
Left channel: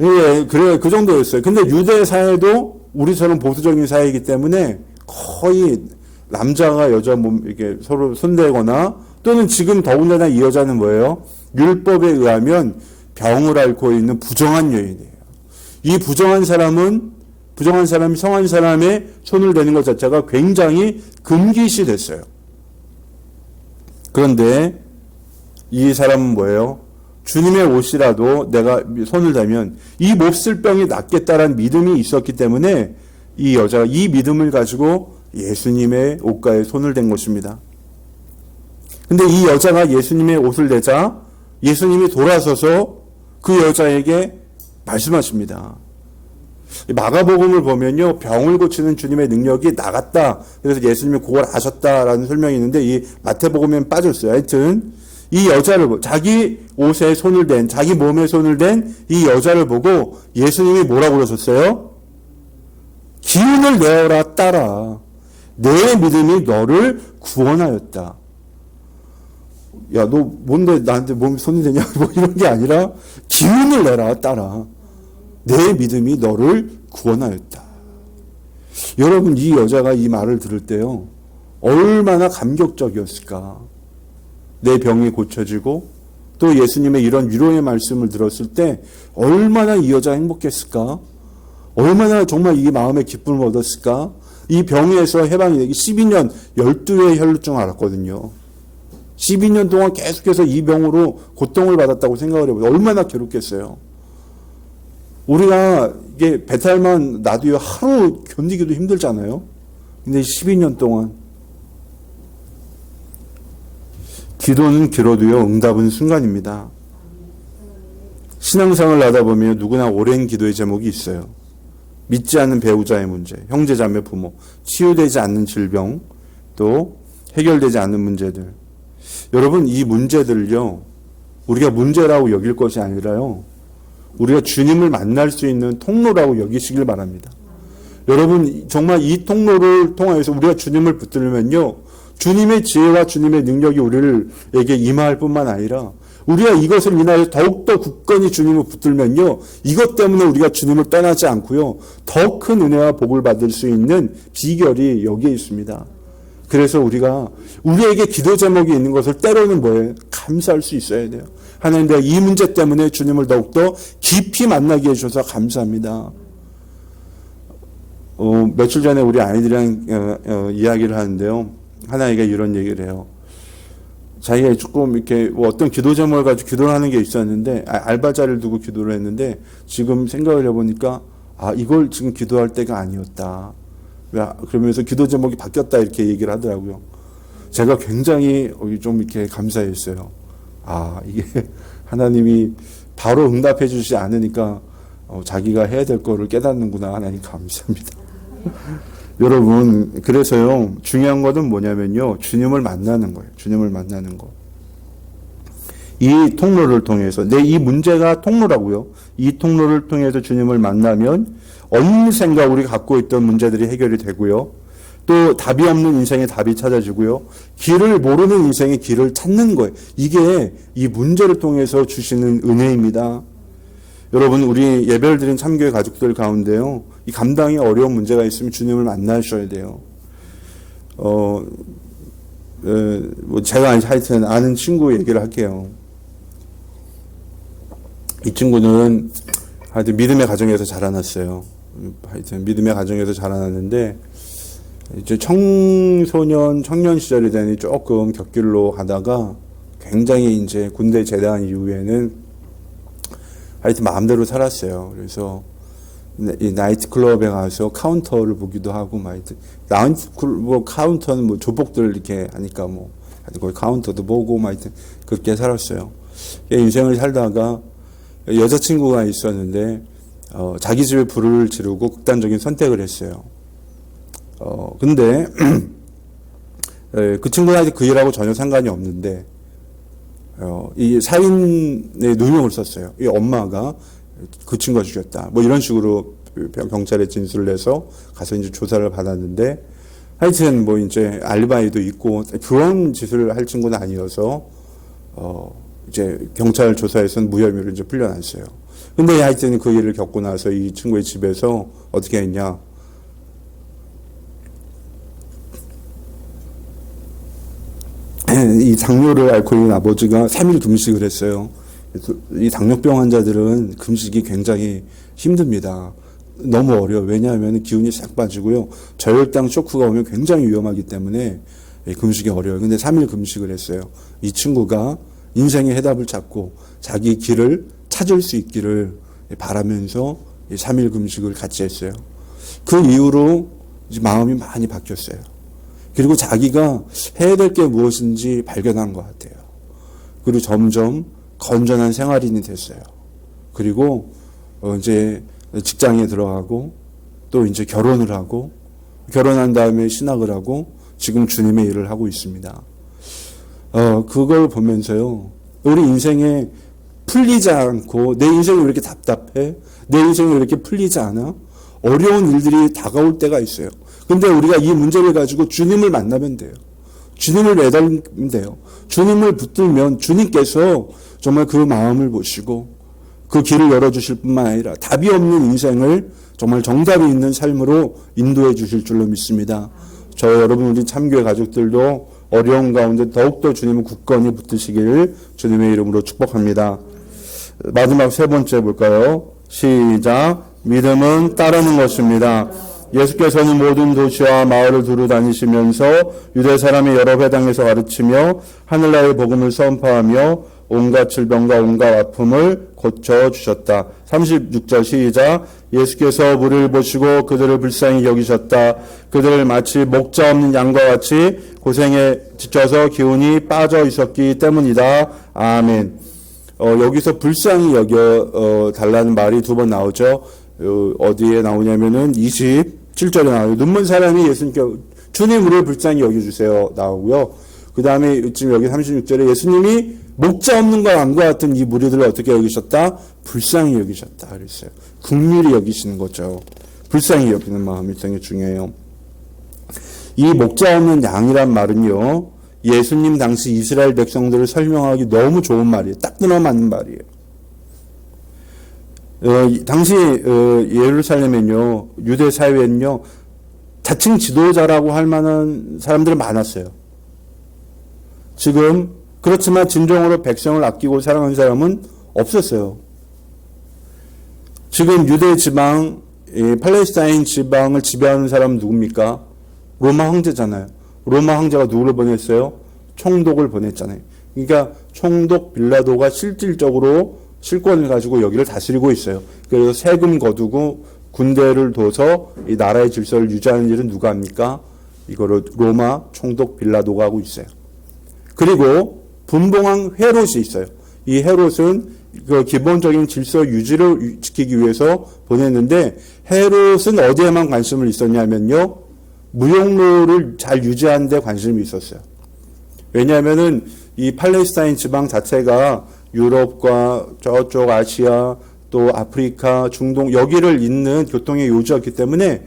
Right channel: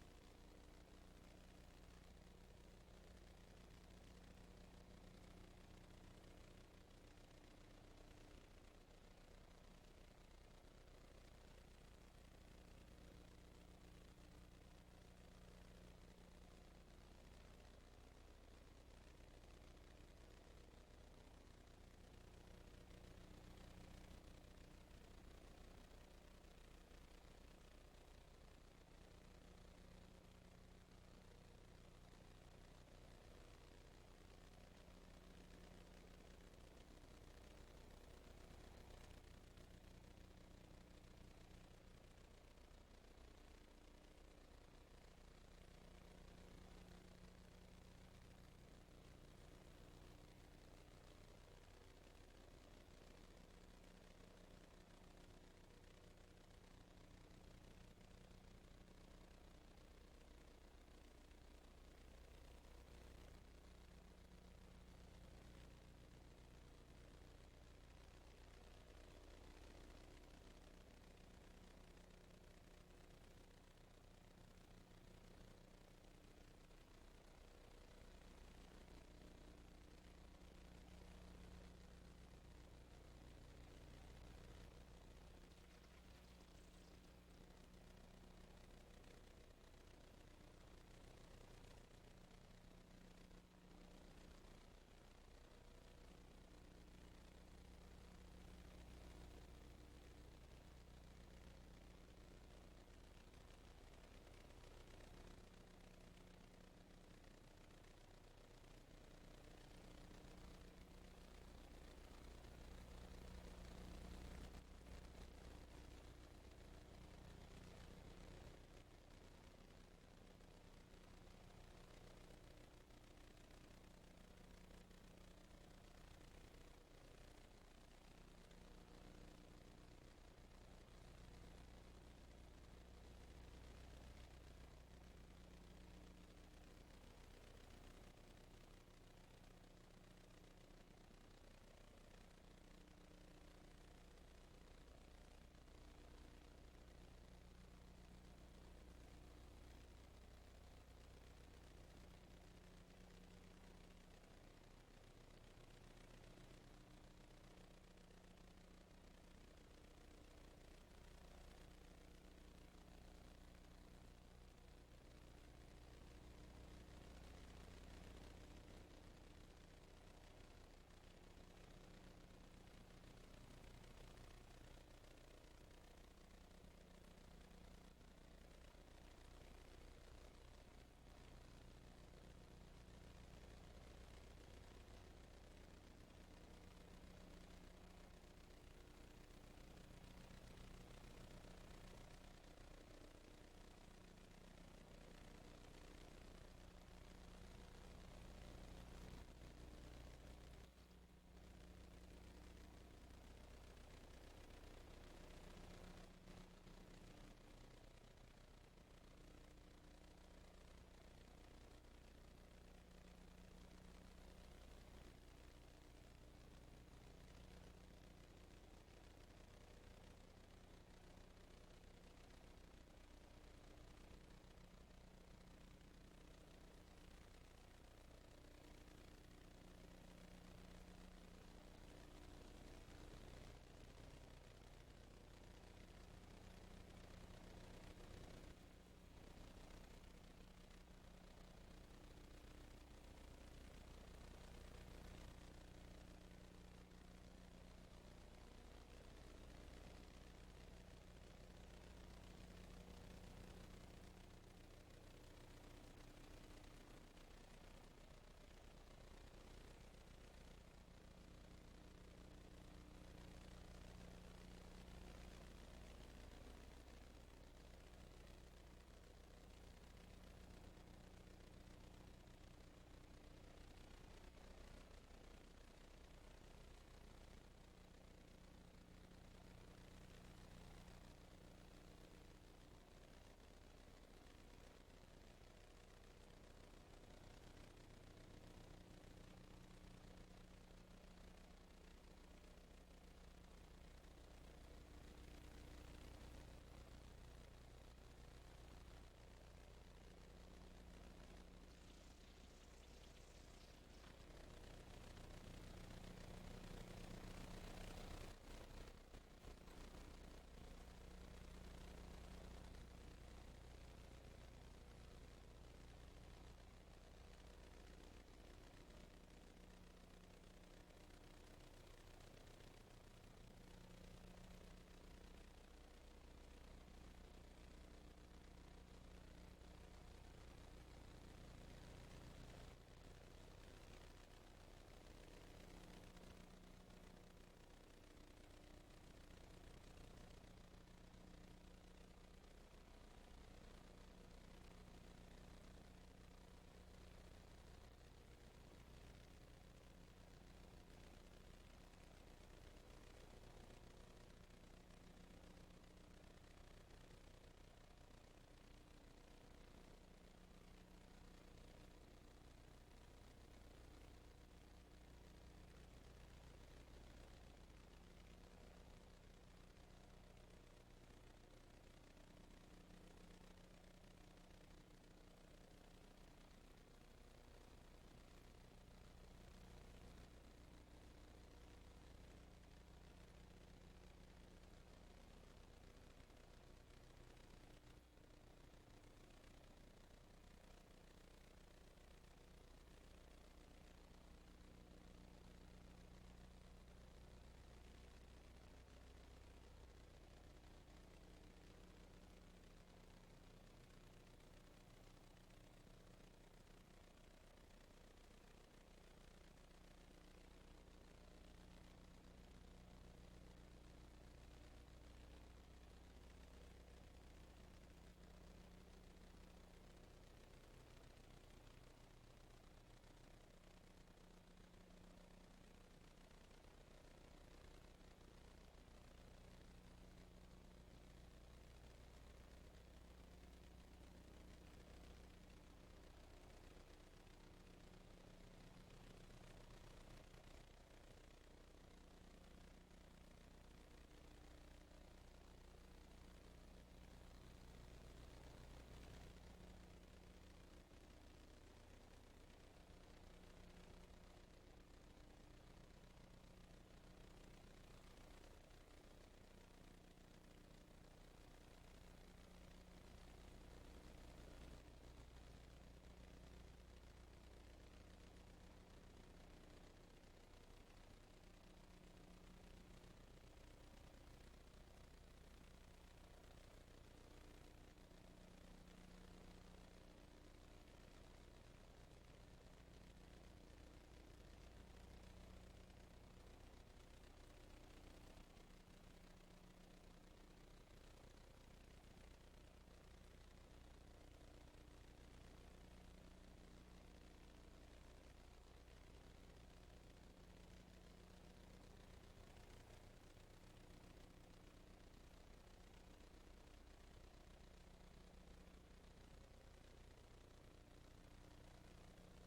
예, 그래, 그 정도였어요. 근데 유대 사회도 우리처럼 보수적인 사회이기 때문에 거의 남자가 여자 몸, 이렇게 서로 손대거나, 또는 지금 더군다나 이 여자는 뭐예요? 율법에 의하면 병을 앓고 있는 부정한 여인이에요. 이 부정한 사람이 성한 사람의 손을 대는 것 자체가 굉장히 금기시 됐어요. 그런데 이 사람은 뭐예요? 주님의 옷이라도 내가 손을 대면 이 몹쓸 병이 낫겠다라는 믿음이 있었기 때문에 이 여자가 이 믿음을 가지고 예수님의 옷가에 손을 댄 것입니다. 근데 이 여자가 예수님의 옷을 대자 예수님이 돌아서서 그 여자에게 말씀하십니다. 마가복음을 보면요, 병을 고치는 주님의 능력이 나갔다. 그래서 예수님이 그걸 아셨다라는 설명이 있는데 이 마태복음에는 빠졌어요. 하여튼 이 여자를 자기 옷에 손을 댄, 자기 몸에 손을 댄 이 여자를 보고 예수님이 뭐라고 그러셨어요? 기운을 내어라 따라. 내 믿음이 너를 구원하였다. 야, 너 뭔데 나한테 몸에 손을 대냐? 뭐 이런 게 아니라 기운을 내라 따라. 내 믿음이 너를 구원하였다. 여러분, 이 여자가 이 말을 들을 때요, 얼마나 감격적이었을까. 내 병이 고쳐지고 또 예수님의 이런 위로의 말씀을 들었을 때 얼마나 이 여자가 행복했을까. 얼마나 정말 이 마음의 기쁨을 얻었을까. 이 병에서 해방이 되기 12년 12회의 혈루증 앓았거든요. 12년 동안 계속해서 이 병으로 고통을 받았다고 생각을 해보세요. 얼마나 괴롭겠어요. 우리가 이게 배탈만 나도요, 하루 견디기도 힘들잖아요. 근데 12년 동안 기도는 길어도요, 응답은 순간입니다. 신앙생활을 하다 보면 누구나 오랜 기도의 제목이 있어요. 믿지 않는 배우자의 문제, 형제 자매 부모, 치유되지 않는 질병, 또 해결되지 않는 문제들. 여러분, 이 문제들을요, 우리가 문제라고 여길 것이 아니라요, 우리가 주님을 만날 수 있는 통로라고 여기시길 바랍니다. 여러분, 정말 이 통로를 통해서 우리가 주님을 붙들면요, 주님의 지혜와 주님의 능력이 우리에게 임할 뿐만 아니라 우리가 이것을 인하여 더욱더 굳건히 주님을 붙들면요, 이것 때문에 우리가 주님을 떠나지 않고요, 더 큰 은혜와 복을 받을 수 있는 비결이 여기에 있습니다. 그래서 우리가 우리에게 기도 제목이 있는 것을 때로는 뭐예요? 감사할 수 있어야 돼요. 하나님, 내가 이 문제 때문에 주님을 더욱더 깊이 만나게 해주셔서 감사합니다. 며칠 전에 우리 아이들이랑 이야기를 하는데요, 하나이가 이런 얘기를 해요. 자기가 조금 이렇게 어떤 기도 제목을 가지고 기도를 하는 게 있었는데, 알바자를 두고 기도를 했는데, 지금 생각을 해보니까, 이걸 지금 기도할 때가 아니었다. 그러면서 기도 제목이 바뀌었다, 이렇게 얘기를 하더라고요. 제가 굉장히 좀 이렇게 감사했어요. 이게 하나님이 바로 응답해 주시지 않으니까, 자기가 해야 될 거를 깨닫는구나. 하나님 감사합니다. 여러분, 그래서요, 중요한 것은 뭐냐면요, 주님을 만나는 거예요. 주님을 만나는 거. 이 통로를 통해서, 이 문제가 통로라고요. 이 통로를 통해서 주님을 만나면 언젠가 우리가 갖고 있던 문제들이 해결이 되고요. 또 답이 없는 인생의 답이 찾아지고요. 길을 모르는 인생의 길을 찾는 거예요. 이게 이 문제를 통해서 주시는 은혜입니다. 여러분, 우리 예배를 드린 참교회 가족들 가운데요, 이 감당이 어려운 문제가 있으면 주님을 만나셔야 돼요. 제가 하여튼 아는 친구 얘기를 할게요. 이 친구는 하여튼 믿음의 가정에서 자라났어요. 하여튼 믿음의 가정에서 자라났는데, 이제 청년 시절이 되니 조금 곁길로 가다가 굉장히 이제 군대 제대한 이후에는 하여튼 마음대로 살았어요. 그래서 이 나이트클럽에 가서 카운터를 보기도 하고, 나이트클럽 카운터는 조폭들 이렇게 하니까 거기 카운터도 보고, 하여튼 그렇게 살았어요. 인생을 살다가 여자친구가 있었는데, 자기 집에 불을 지르고 극단적인 선택을 했어요. 근데 그 친구한테 그 일하고 전혀 상관이 없는데 이 살인의 누명을 썼어요. 이 엄마가 그 친구가 죽였다. 뭐 이런 식으로 경찰에 진술을 해서 가서 이제 조사를 받았는데 하여튼 뭐 이제 알리바이도 있고 그런 짓을 할 친구는 아니어서 이제 경찰 조사에서는 무혐의로 이제 풀려났어요. 근데 하여튼 그 일을 겪고 나서 이 친구의 집에서 어떻게 했냐? 이 당뇨를 앓고 있는 아버지가 3일 금식을 했어요. 이 당뇨병 환자들은 금식이 굉장히 힘듭니다. 너무 어려워요. 왜냐하면 기운이 싹 빠지고요. 저혈당 쇼크가 오면 굉장히 위험하기 때문에 금식이 어려워요. 근데 3일 금식을 했어요. 이 친구가 인생의 해답을 찾고 자기 길을 찾을 수 있기를 바라면서 3일 금식을 같이 했어요. 그 이후로 이제 마음이 많이 바뀌었어요. 그리고 자기가 해야 될 게 무엇인지 발견한 것 같아요. 그리고 점점 건전한 생활인이 됐어요. 그리고 이제 직장에 들어가고 또 이제 결혼을 하고 결혼한 다음에 신학을 하고 지금 주님의 일을 하고 있습니다. 그걸 보면서요. 우리 인생에 풀리지 않고 내 인생이 왜 이렇게 답답해? 내 인생이 왜 이렇게 풀리지 않아? 어려운 일들이 다가올 때가 있어요. 근데 우리가 이 문제를 가지고 주님을 만나면 돼요. 주님을 매달리면 돼요. 주님을 붙들면 주님께서 정말 그 마음을 보시고 그 길을 열어주실 뿐만 아니라 답이 없는 인생을 정말 정답이 있는 삶으로 인도해 주실 줄로 믿습니다. 저 여러분 우리 참교회 가족들도 어려운 가운데 더욱더 주님을 굳건히 붙드시기를 주님의 이름으로 축복합니다. 마지막 세 번째 볼까요? 시작. 믿음은 따르는 것입니다. 예수께서는 모든 도시와 마을을 두루 다니시면서 유대 사람의 여러 회당에서 가르치며 하늘나라의 복음을 선포하며 온갖 질병과 온갖 아픔을 고쳐주셨다. 36절 시작. 예수께서 무리를 보시고 그들을 불쌍히 여기셨다. 그들을 마치 목자 없는 양과 같이 고생에 지쳐서 기운이 빠져 있었기 때문이다. 아멘. 여기서 불쌍히 여겨 달라는 말이 두 번 나오죠. 어디에 나오냐면은 27절에 나와요. 눈먼 사람이 예수님께 주님 우리를 불쌍히 여겨주세요 나오고요. 그 다음에 지금 여기 36절에 예수님이 목자 없는 것 양과 같은 이 무리들을 어떻게 여기셨다? 불쌍히 여기셨다 그랬어요. 긍휼히 여기시는 거죠. 불쌍히 여기는 마음이 굉장히 중요해요. 이 목자 없는 양이란 말은요. 예수님 당시 이스라엘 백성들을 설명하기 너무 좋은 말이에요. 딱 들어맞는 말이에요. 당시 예루살렘엔요. 유대 사회엔요. 자칭 지도자라고 할 만한 사람들은 많았어요. 지금 그렇지만 진정으로 백성을 아끼고 사랑하는 사람은 없었어요. 지금 유대 지방, 팔레스타인 지방을 지배하는 사람은 누굽니까? 로마 황제잖아요. 로마 황제가 누구를 보냈어요? 총독을 보냈잖아요. 그러니까 총독 빌라도가 실질적으로 실권을 가지고 여기를 다스리고 있어요. 그래서 세금 거두고 군대를 둬서 이 나라의 질서를 유지하는 일은 누가 합니까? 이거를 로마 총독 빌라도가 하고 있어요. 그리고 분봉왕 헤롯이 있어요. 이 헤롯은 그 기본적인 질서 유지를 지키기 위해서 보냈는데 헤롯은 어디에만 관심을 있었냐면요. 무역로를 잘 유지하는 데 관심이 있었어요. 왜냐하면은 이 팔레스타인 지방 자체가 유럽과 저쪽 아시아 또 아프리카, 중동 여기를 잇는 교통의 요지였기 때문에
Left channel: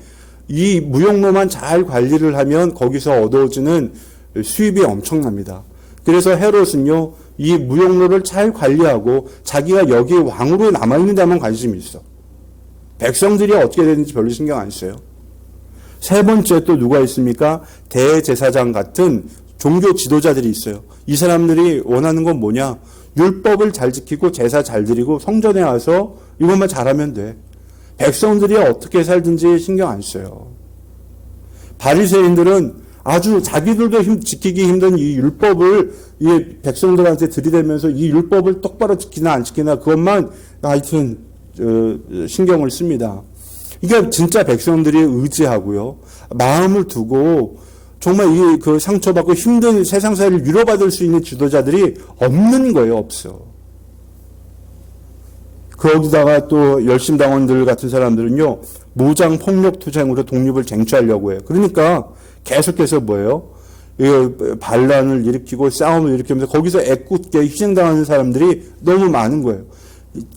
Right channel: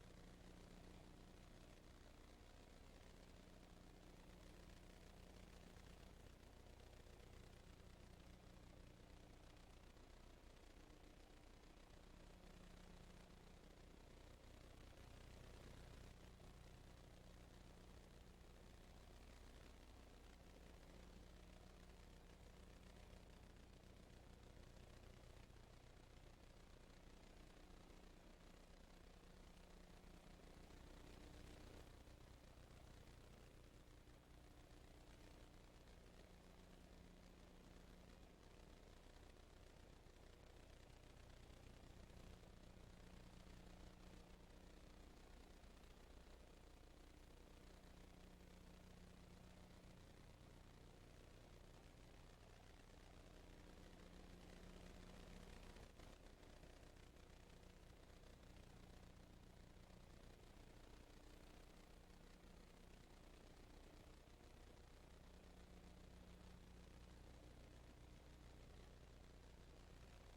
이 무역로만 잘 관리를 하면 거기서 얻어지는 수입이 엄청납니다. 그래서 헤롯은요, 이 무역로를 잘 관리하고 자기가 여기 왕으로 남아있는 데만 관심이 있어. 백성들이 어떻게 되는지 별로 신경 안 써요. 세 번째 또 누가 있습니까? 대제사장 같은 종교 지도자들이 있어요. 이 사람들이 원하는 건 뭐냐? 율법을 잘 지키고 제사 잘 드리고 성전에 와서 이것만 잘하면 돼. 백성들이 어떻게 살든지 신경 안 써요. 바리새인들은 아주 자기들도 지키기 힘든 이 율법을 이 백성들한테 들이대면서 이 율법을 똑바로 지키나 안 지키나 그것만 하여튼 신경을 씁니다. 그러니까 진짜 백성들이 의지하고요. 마음을 두고 정말 이 그 상처받고 힘든 세상사를 위로받을 수 있는 지도자들이 없는 거예요. 없어. 거기다가 또 열심당원들 같은 사람들은요, 무장 폭력 투쟁으로 독립을 쟁취하려고 해요. 그러니까 계속해서 뭐예요? 반란을 일으키고 싸움을 일으키면서 거기서 애꿎게 희생당하는 사람들이 너무 많은 거예요.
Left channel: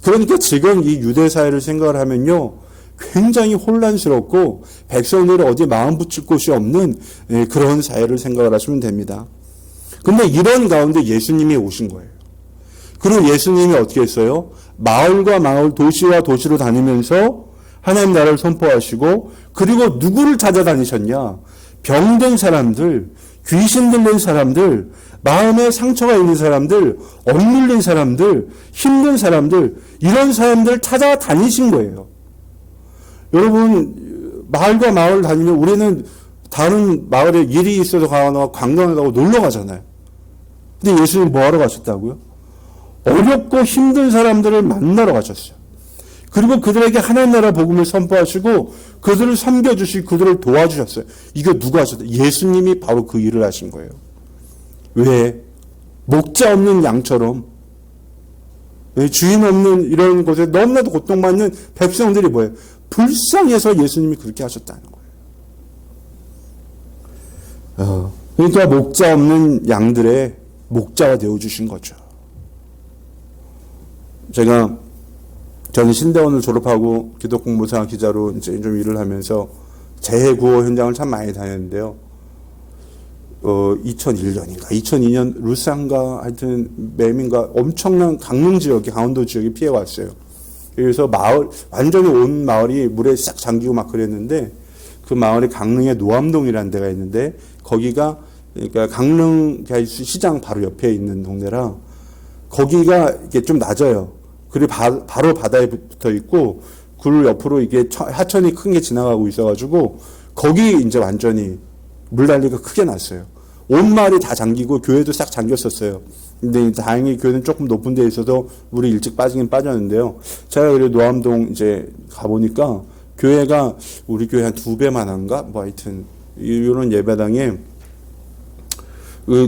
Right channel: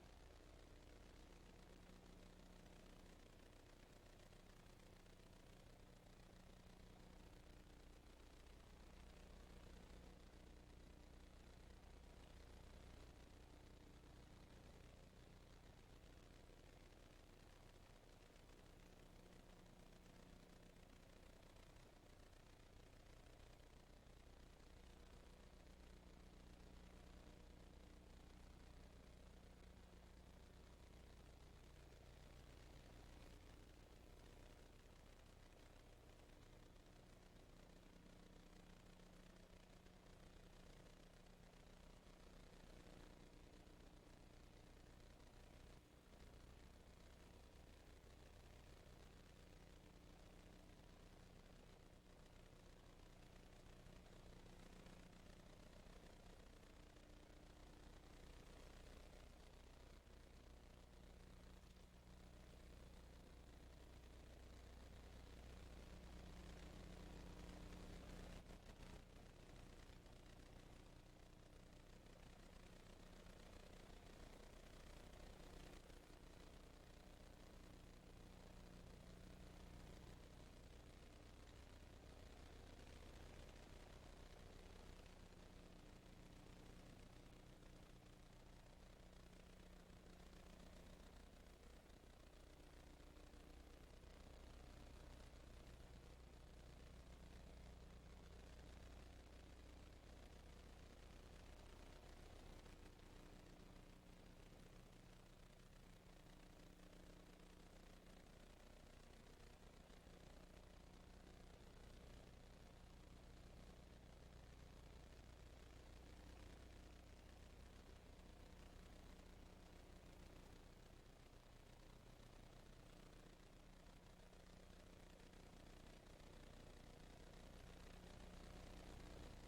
그러니까 지금 이 유대 사회를 생각을 하면요, 굉장히 혼란스럽고 백성들이 어디 마음 붙일 곳이 없는 그런 사회를 생각을 하시면 됩니다. 근데 이런 가운데 예수님이 오신 거예요. 그리고 예수님이 어떻게 했어요? 마을과 마을, 도시와 도시로 다니면서 하나님 나라를 선포하시고, 그리고 누구를 찾아다니셨냐? 병든 사람들, 귀신 들린 사람들, 마음에 상처가 있는 사람들, 억눌린 사람들, 힘든 사람들, 이런 사람들 찾아다니신 거예요. 여러분, 마을과 마을 다니면 우리는 다른 마을에 일이 있어서 가거나 관광을 가고 놀러 가잖아요. 근데 예수님 뭐 하러 가셨다고요? 어렵고 힘든 사람들을 만나러 가셨어요. 그리고 그들에게 하나님 나라 복음을 선포하시고 그들을 섬겨주시고 그들을 도와주셨어요. 이거 누가 하셨어요? 예수님이 바로 그 일을 하신 거예요. 왜? 목자 없는 양처럼, 주인 없는 이런 곳에 너무나도 고통받는 백성들이 뭐예요? 불쌍해서 예수님이 그렇게 하셨다는 거예요. 그러니까 목자 없는 양들의 목자가 되어주신 거죠. 저는 신대원을 졸업하고 기독공무사 기자로 이제 좀 일을 하면서 재해구호 현장을 참 많이 다녔는데요. 2001년인가 2002년 루산가 하여튼 매민가 엄청난 강릉 지역이, 강원도 지역이 피해 왔어요. 그래서 완전히 온 마을이 물에 싹 잠기고 막 그랬는데, 그 마을에 강릉의 노암동이라는 데가 있는데, 거기가 그러니까 강릉 시장 바로 옆에 있는 동네라 거기가 이게 좀 낮아요. 그리고 바로 바다에 붙어 있고 굴 옆으로 이게 하천이 큰 게 지나가고 있어가지고 거기 이제 완전히 물난리가 크게 났어요. 온 마을이 다 잠기고 교회도 싹 잠겼었어요. 근데 다행히 교회는 조금 높은 데에 있어서 물이 일찍 빠지긴 빠졌는데요. 제가 그래도 노암동 이제 가보니까 교회가 우리 교회 한 2배만 한가? 뭐 하여튼 이런 예배당에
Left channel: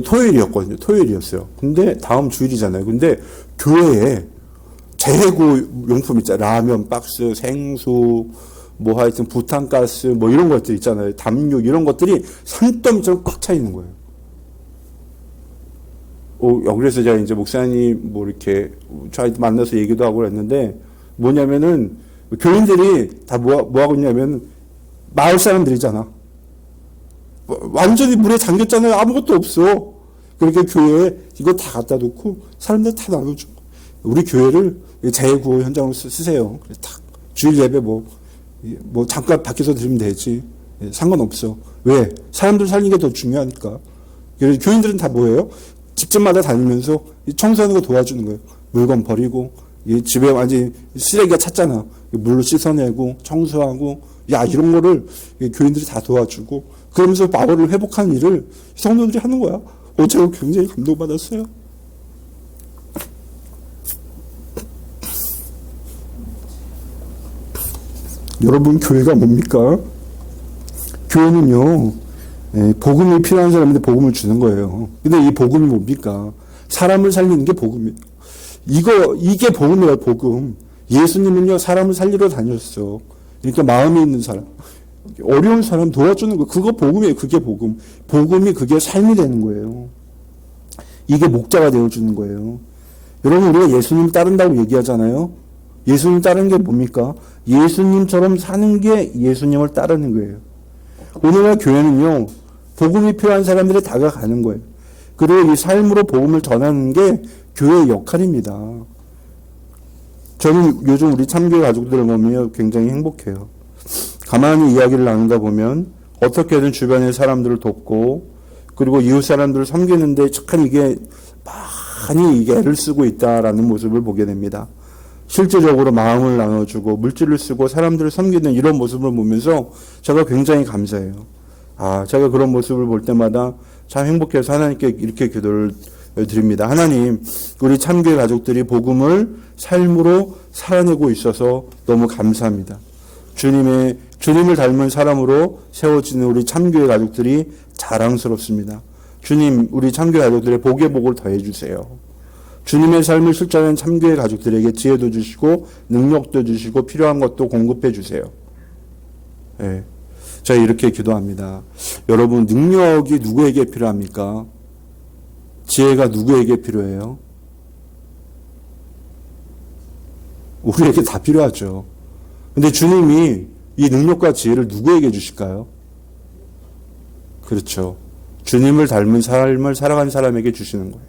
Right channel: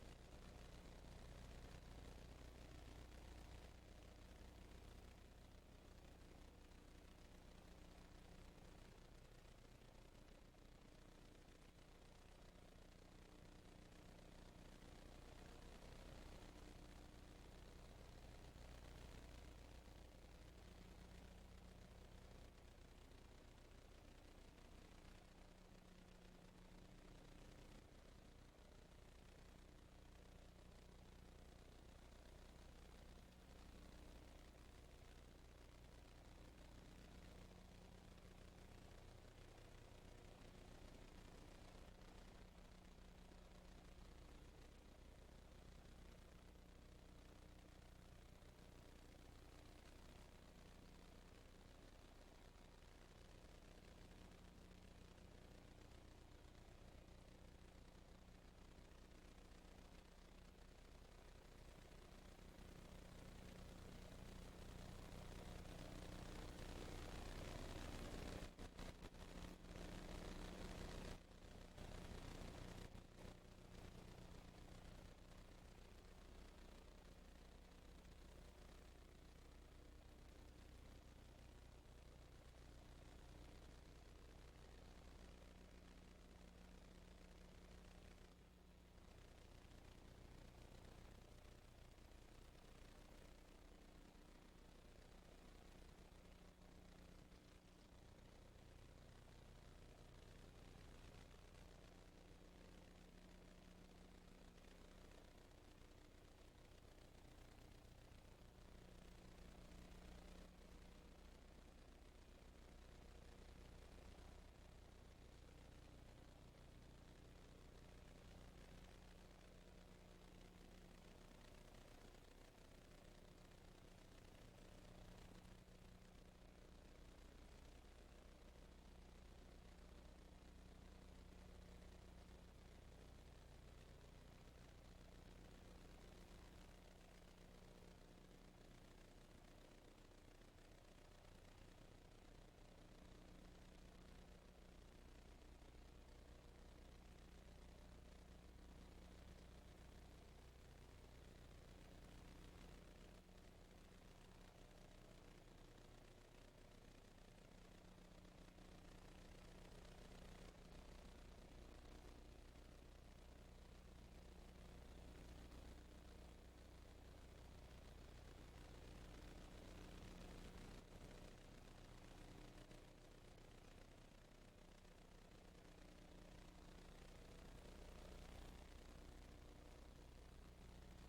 토요일이었거든요. 토요일이었어요. 근데 다음 주일이잖아요. 근데 교회에 재래구 용품 있잖아요. 라면 박스, 생수, 뭐 하여튼 부탄가스, 뭐 이런 것들 있잖아요. 담요 이런 것들이 산더미처럼 꽉 차 있는 거예요. 그래서 제가 이제 목사님 뭐 이렇게 저희 만나서 얘기도 하고 그랬는데, 뭐냐면은 교인들이 다 뭐 하고 있냐면 마을 사람들이잖아. 완전히 물에 잠겼잖아요. 아무것도 없어. 그러니까 교회에 이거 다 갖다 놓고 사람들 다 나눠줘. 우리 교회를 재구호 현장으로 쓰세요. 딱 주일 예배 뭐 잠깐 밖에서 드리면 되지. 상관없어. 왜? 사람들 살리는 게 더 중요하니까. 그래서 교인들은 다 뭐예요? 집집마다 다니면서 청소하는 거 도와주는 거예요. 물건 버리고, 집에 완전히 쓰레기가 찼잖아. 물로 씻어내고 청소하고, 이런 거를 교인들이 다 도와주고, 그러면서 마을을 회복하는 일을 성도들이 하는 거야. 제가 굉장히 감동받았어요. 여러분, 교회가 뭡니까? 교회는요, 복음이 필요한 사람한테 복음을 주는 거예요. 근데 이 복음이 뭡니까? 사람을 살리는 게 복음이에요. 이게 복음이에요, 복음. 예수님은요, 사람을 살리러 다녔어. 그러니까 마음이 있는 사람, 어려운 사람 도와주는 거, 그거 복음이에요. 그게 복음. 복음이 그게 삶이 되는 거예요. 이게 목자가 되어주는 거예요. 여러분, 우리가 예수님 따른다고 얘기하잖아요. 예수님 따르는 게 뭡니까? 예수님처럼 사는 게 예수님을 따르는 거예요. 오늘날 교회는요, 복음이 필요한 사람들이 다가가는 거예요. 그리고 이 삶으로 복음을 전하는 게 교회의 역할입니다. 저는 요즘 우리 참교회 가족들을 보면 굉장히 행복해요. 가만히 이야기를 나누다 보면 어떻게든 주변의 사람들을 돕고, 그리고 이웃 사람들을 섬기는데 참 이게 많이 애를 쓰고 있다라는 모습을 보게 됩니다. 실제적으로 마음을 나눠주고 물질을 쓰고 사람들을 섬기는 이런 모습을 보면서 제가 굉장히 감사해요. 제가 그런 모습을 볼 때마다 참 행복해서 하나님께 이렇게 기도를 드립니다. 하나님, 우리 참교회 가족들이 복음을 삶으로 살아내고 있어서 너무 감사합니다. 주님을 닮은 사람으로 세워지는 우리 참교회 가족들이 자랑스럽습니다. 주님, 우리 참교회 가족들의 복의 복을 더해주세요. 주님의 삶을 실천하는 참교회 가족들에게 지혜도 주시고 능력도 주시고 필요한 것도 공급해 주세요. 예. 제가 이렇게 기도합니다. 여러분, 능력이 누구에게 필요합니까? 지혜가 누구에게 필요해요? 우리에게 다 필요하죠. 근데 주님이 이 능력과 지혜를 누구에게 주실까요? 그렇죠. 주님을 닮은 삶을 살아가는 사람에게 주시는 거예요.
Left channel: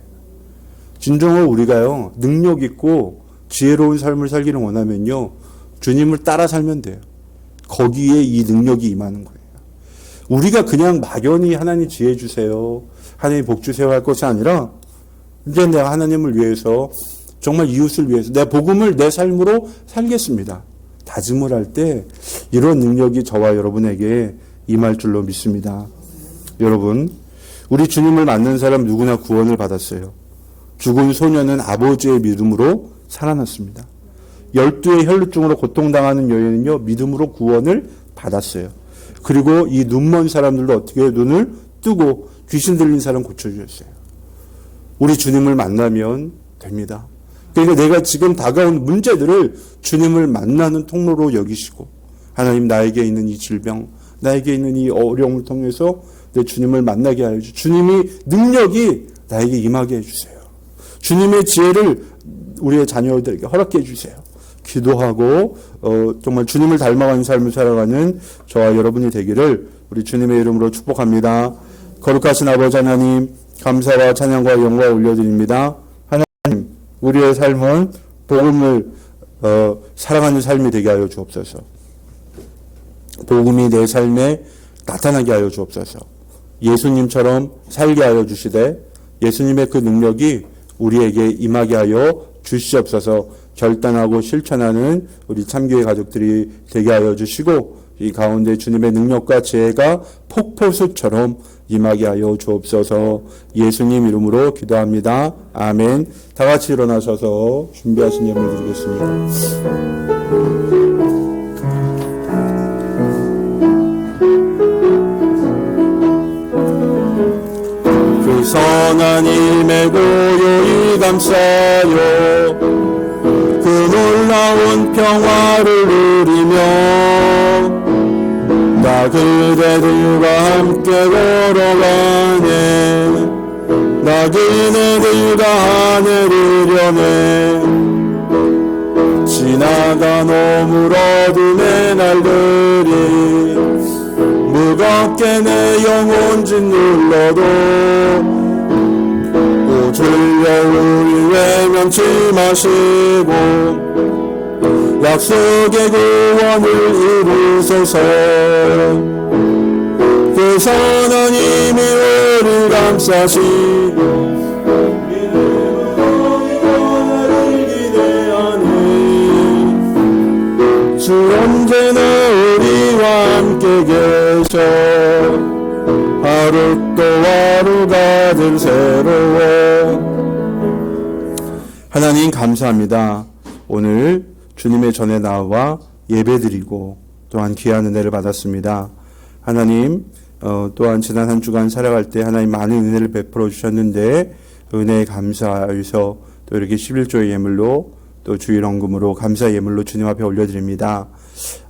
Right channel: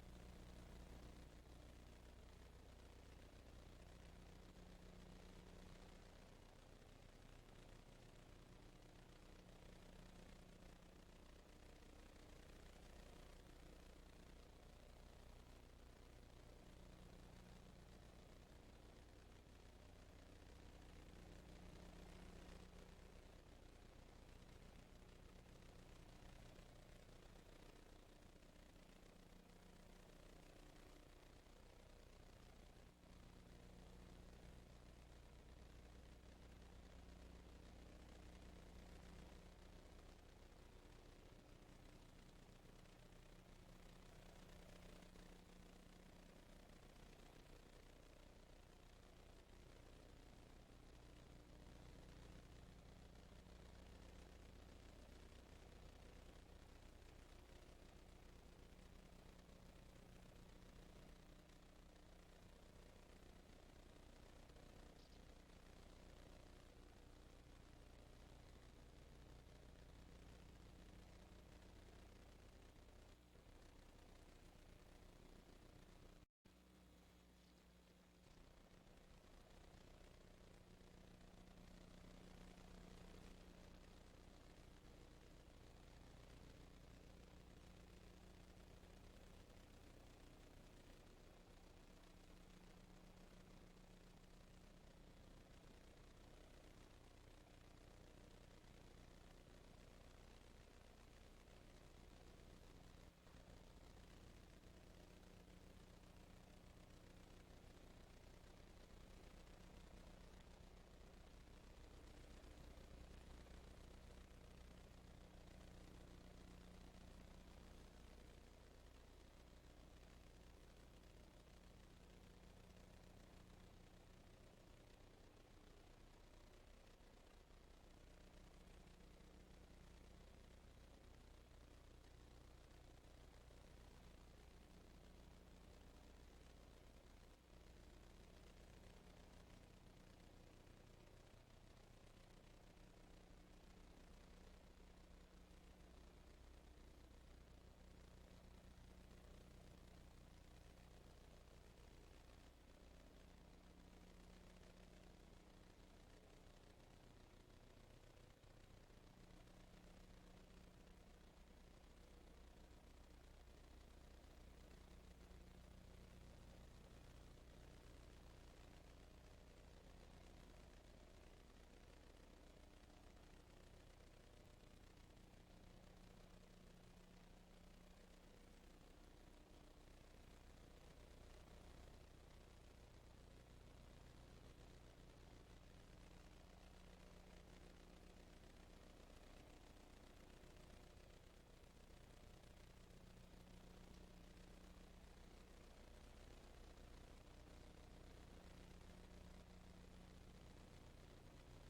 진정으로 우리가요, 능력 있고 지혜로운 삶을 살기를 원하면요, 주님을 따라 살면 돼요. 거기에 이 능력이 임하는 거예요. 우리가 그냥 막연히 하나님 지혜 주세요, 하나님 복 주세요 할 것이 아니라, 이제 내가 하나님을 위해서, 정말 이웃을 위해서 내 복음을 내 삶으로 살겠습니다. 다짐을 할 때 이런 능력이 저와 여러분에게 임할 줄로 믿습니다. 여러분, 우리 주님을 만난 사람 누구나 구원을 받았어요. 죽은 소년은 아버지의 믿음으로 살아났습니다. 12의 혈루증으로 고통당하는 여인은요, 믿음으로 구원을 받았어요. 그리고 이 눈먼 사람들도 어떻게 눈을 뜨고 귀신 들린 사람 고쳐주셨어요. 우리 주님을 만나면 됩니다. 그러니까 내가 지금 다가온 문제들을 주님을 만나는 통로로 여기시고, 하나님, 나에게 있는 이 질병, 나에게 있는 이 어려움을 통해서 내 주님을 만나게 하여 주시고, 주님이 능력이 나에게 임하게 해주세요. 주님의 지혜를 우리의 자녀들에게 허락해 주세요. 기도하고 정말 주님을 닮아가는 삶을 살아가는 저와 여러분이 되기를 우리 주님의 이름으로 축복합니다. 거룩하신 아버지 하나님, 감사와 찬양과 영광 올려드립니다. 하나님, 우리의 삶은 복음을 살아가는 삶이 되게 하여 주옵소서. 복음이 내 삶에 나타나게 하여 주옵소서. 예수님처럼 살게 하여 주시되 예수님의 그 능력이 우리에게 임하게 하여 주시옵소서. 결단하고 실천하는 우리 참교회 가족들이 되게 하여 주시고, 이 가운데 주님의 능력과 지혜가 폭포수처럼 임하게 하여 주옵소서. 예수님 이름으로 기도합니다. 아멘. 다 같이 일어나셔서 준비하신 예물 드리겠습니다. 그 선한 힘에 고요히 감싸요, 그 놀라운 평화를 누리며 나 그대들과 함께 걸어가네. 나 그네들과 하늘을 여네. 지나간 오물 어둠의 날들이 무겁게 내 영혼 짓눌러도 오주여 우리 외면치 마시고 약속의 구원을 이루소서. 그 선한 힘이 우리를 감싸시고 나를 기대하니 주 언제나 우리와 함께 계셔. 하루 또 하루가 늘 새로워. 하나님 감사합니다. 오늘 주님의 전에 나와 예배드리고 또한 귀한 은혜를 받았습니다. 하나님, 또한 지난 한 주간 살아갈 때 하나님 많은 은혜를 베풀어 주셨는데 은혜에 감사하여서 또 이렇게 11조의 예물로 또 주일헌금으로 감사 예물로 주님 앞에 올려드립니다.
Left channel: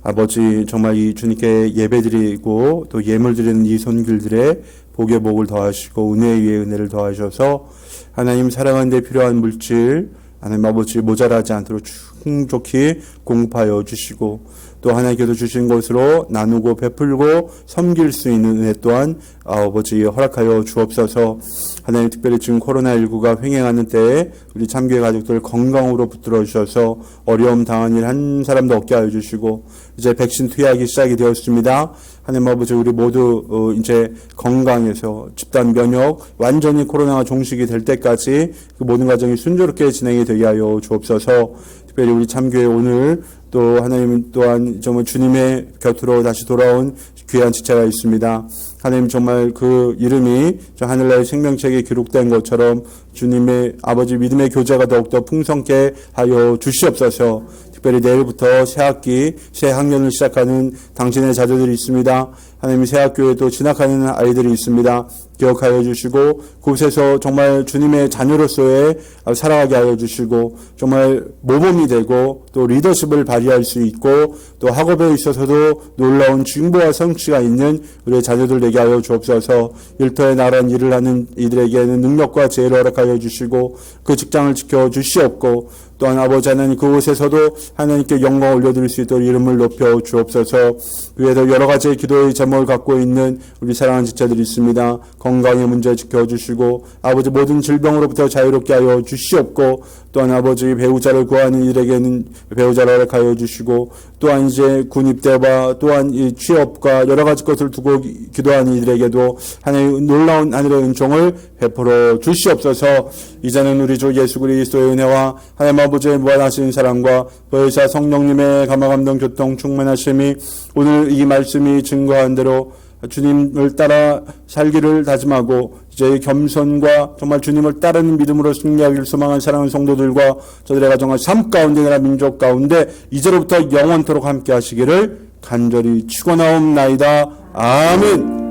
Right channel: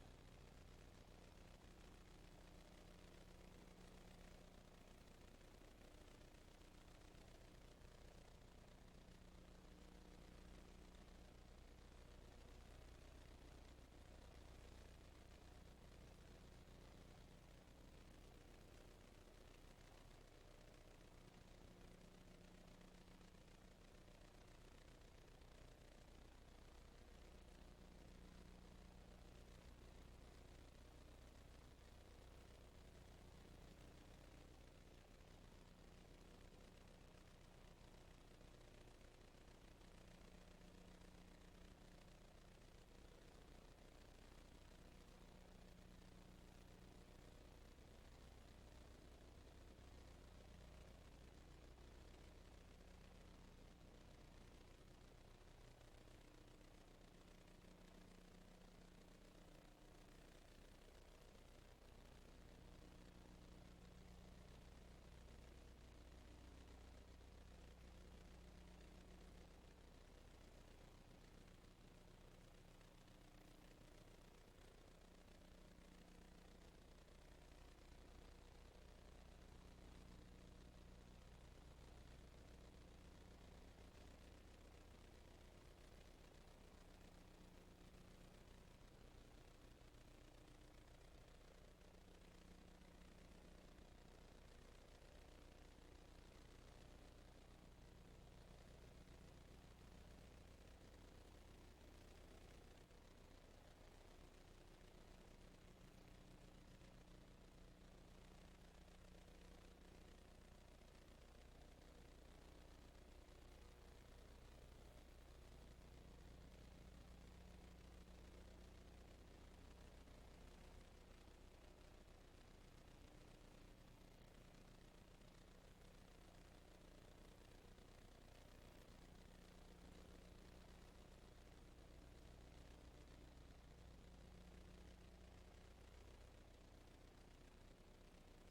아버지, 정말 이 주님께 예배드리고 또 예물 드리는 이 손길들의 복의 복을 더하시고 은혜 위에 은혜를 더하셔서 하나님 사랑하는 데 필요한 물질 하나님 아버지 모자라지 않도록 충족히 공급하여 주시고, 또 하나님께서 주신 것으로 나누고 베풀고 섬길 수 있는 은혜 또한 아버지 허락하여 주옵소서. 하나님, 특별히 지금 코로나19가 횡행하는 때에 우리 참교회 가족들 건강으로 붙들어 주셔서 어려움 당한 일 한 사람도 없게 하여 주시고, 이제 백신 투약이 시작이 되었습니다. 하나님 아버지, 우리 모두 이제 건강해서 집단 면역 완전히 코로나가 종식이 될 때까지 그 모든 과정이 순조롭게 진행이 되게 하여 주옵소서. 특별히 우리 참교회 오늘 또 하나님 또한 정말 주님의 곁으로 다시 돌아온 귀한 지체가 있습니다. 하나님, 정말 그 이름이 저 하늘나라의 생명책에 기록된 것처럼 주님의 아버지 믿음의 교제가 더욱더 풍성케 하여 주시옵소서. 특별히 내일부터 새 학기, 새 학년을 시작하는 당신의 자녀들이 있습니다. 하나님의 새 학교에도 진학하는 아이들이 있습니다. 기억하여 주시고 그곳에서 정말 주님의 자녀로서의 살아가게 하여 주시고 정말 모범이 되고 또 리더십을 발휘할 수 있고 또 학업에 있어서도 놀라운 진보와 성취가 있는 우리의 자녀들 되게 하여 주옵소서. 일터에 나란 일을 하는 이들에게는 능력과 지혜를 허락하여 주시고 그 직장을 지켜 주시옵고 또한 아버지 하나님 그곳에서도 하나님께 영광 올려드릴 수 있도록 이름을 높여 주옵소서. 위에도 여러 가지의 기도의 제목을 갖고 있는 우리 사랑하는 지체들이 있습니다. 건강의 문제 지켜주시고 아버지 모든 질병으로부터 자유롭게 하여 주시옵고 또한 아버지 배우자를 구하는 이들에게는 배우자를 허락하여 주시고 또한 이제 군입대와 또한 이 취업과 여러 가지 것을 두고 기도하는 이들에게도 하나님의 놀라운 하늘의 은총을 베풀어 주시옵소서. 이제는 우리 주 예수 그리스도의 은혜와 하나님 아버지의 무한하신 사랑과 보혜사 성령님의 감화감동 교통 충만하심이 오늘 이 말씀이 증거한 대로 주님을 따라 살기를 다짐하고 이제 겸손과 정말 주님을 따르는 믿음으로 승리하기를 소망한 사랑하는 성도들과 저들의 가정과 삶 가운데 나라 민족 가운데 이제로부터 영원토록 함께 하시기를 간절히 축원하옵나이다. 아멘.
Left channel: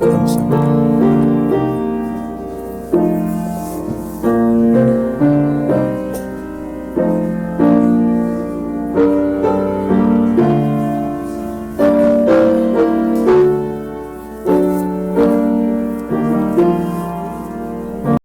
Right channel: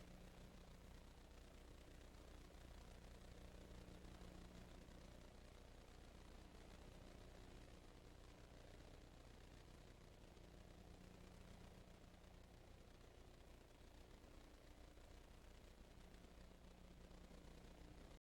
감사합니다.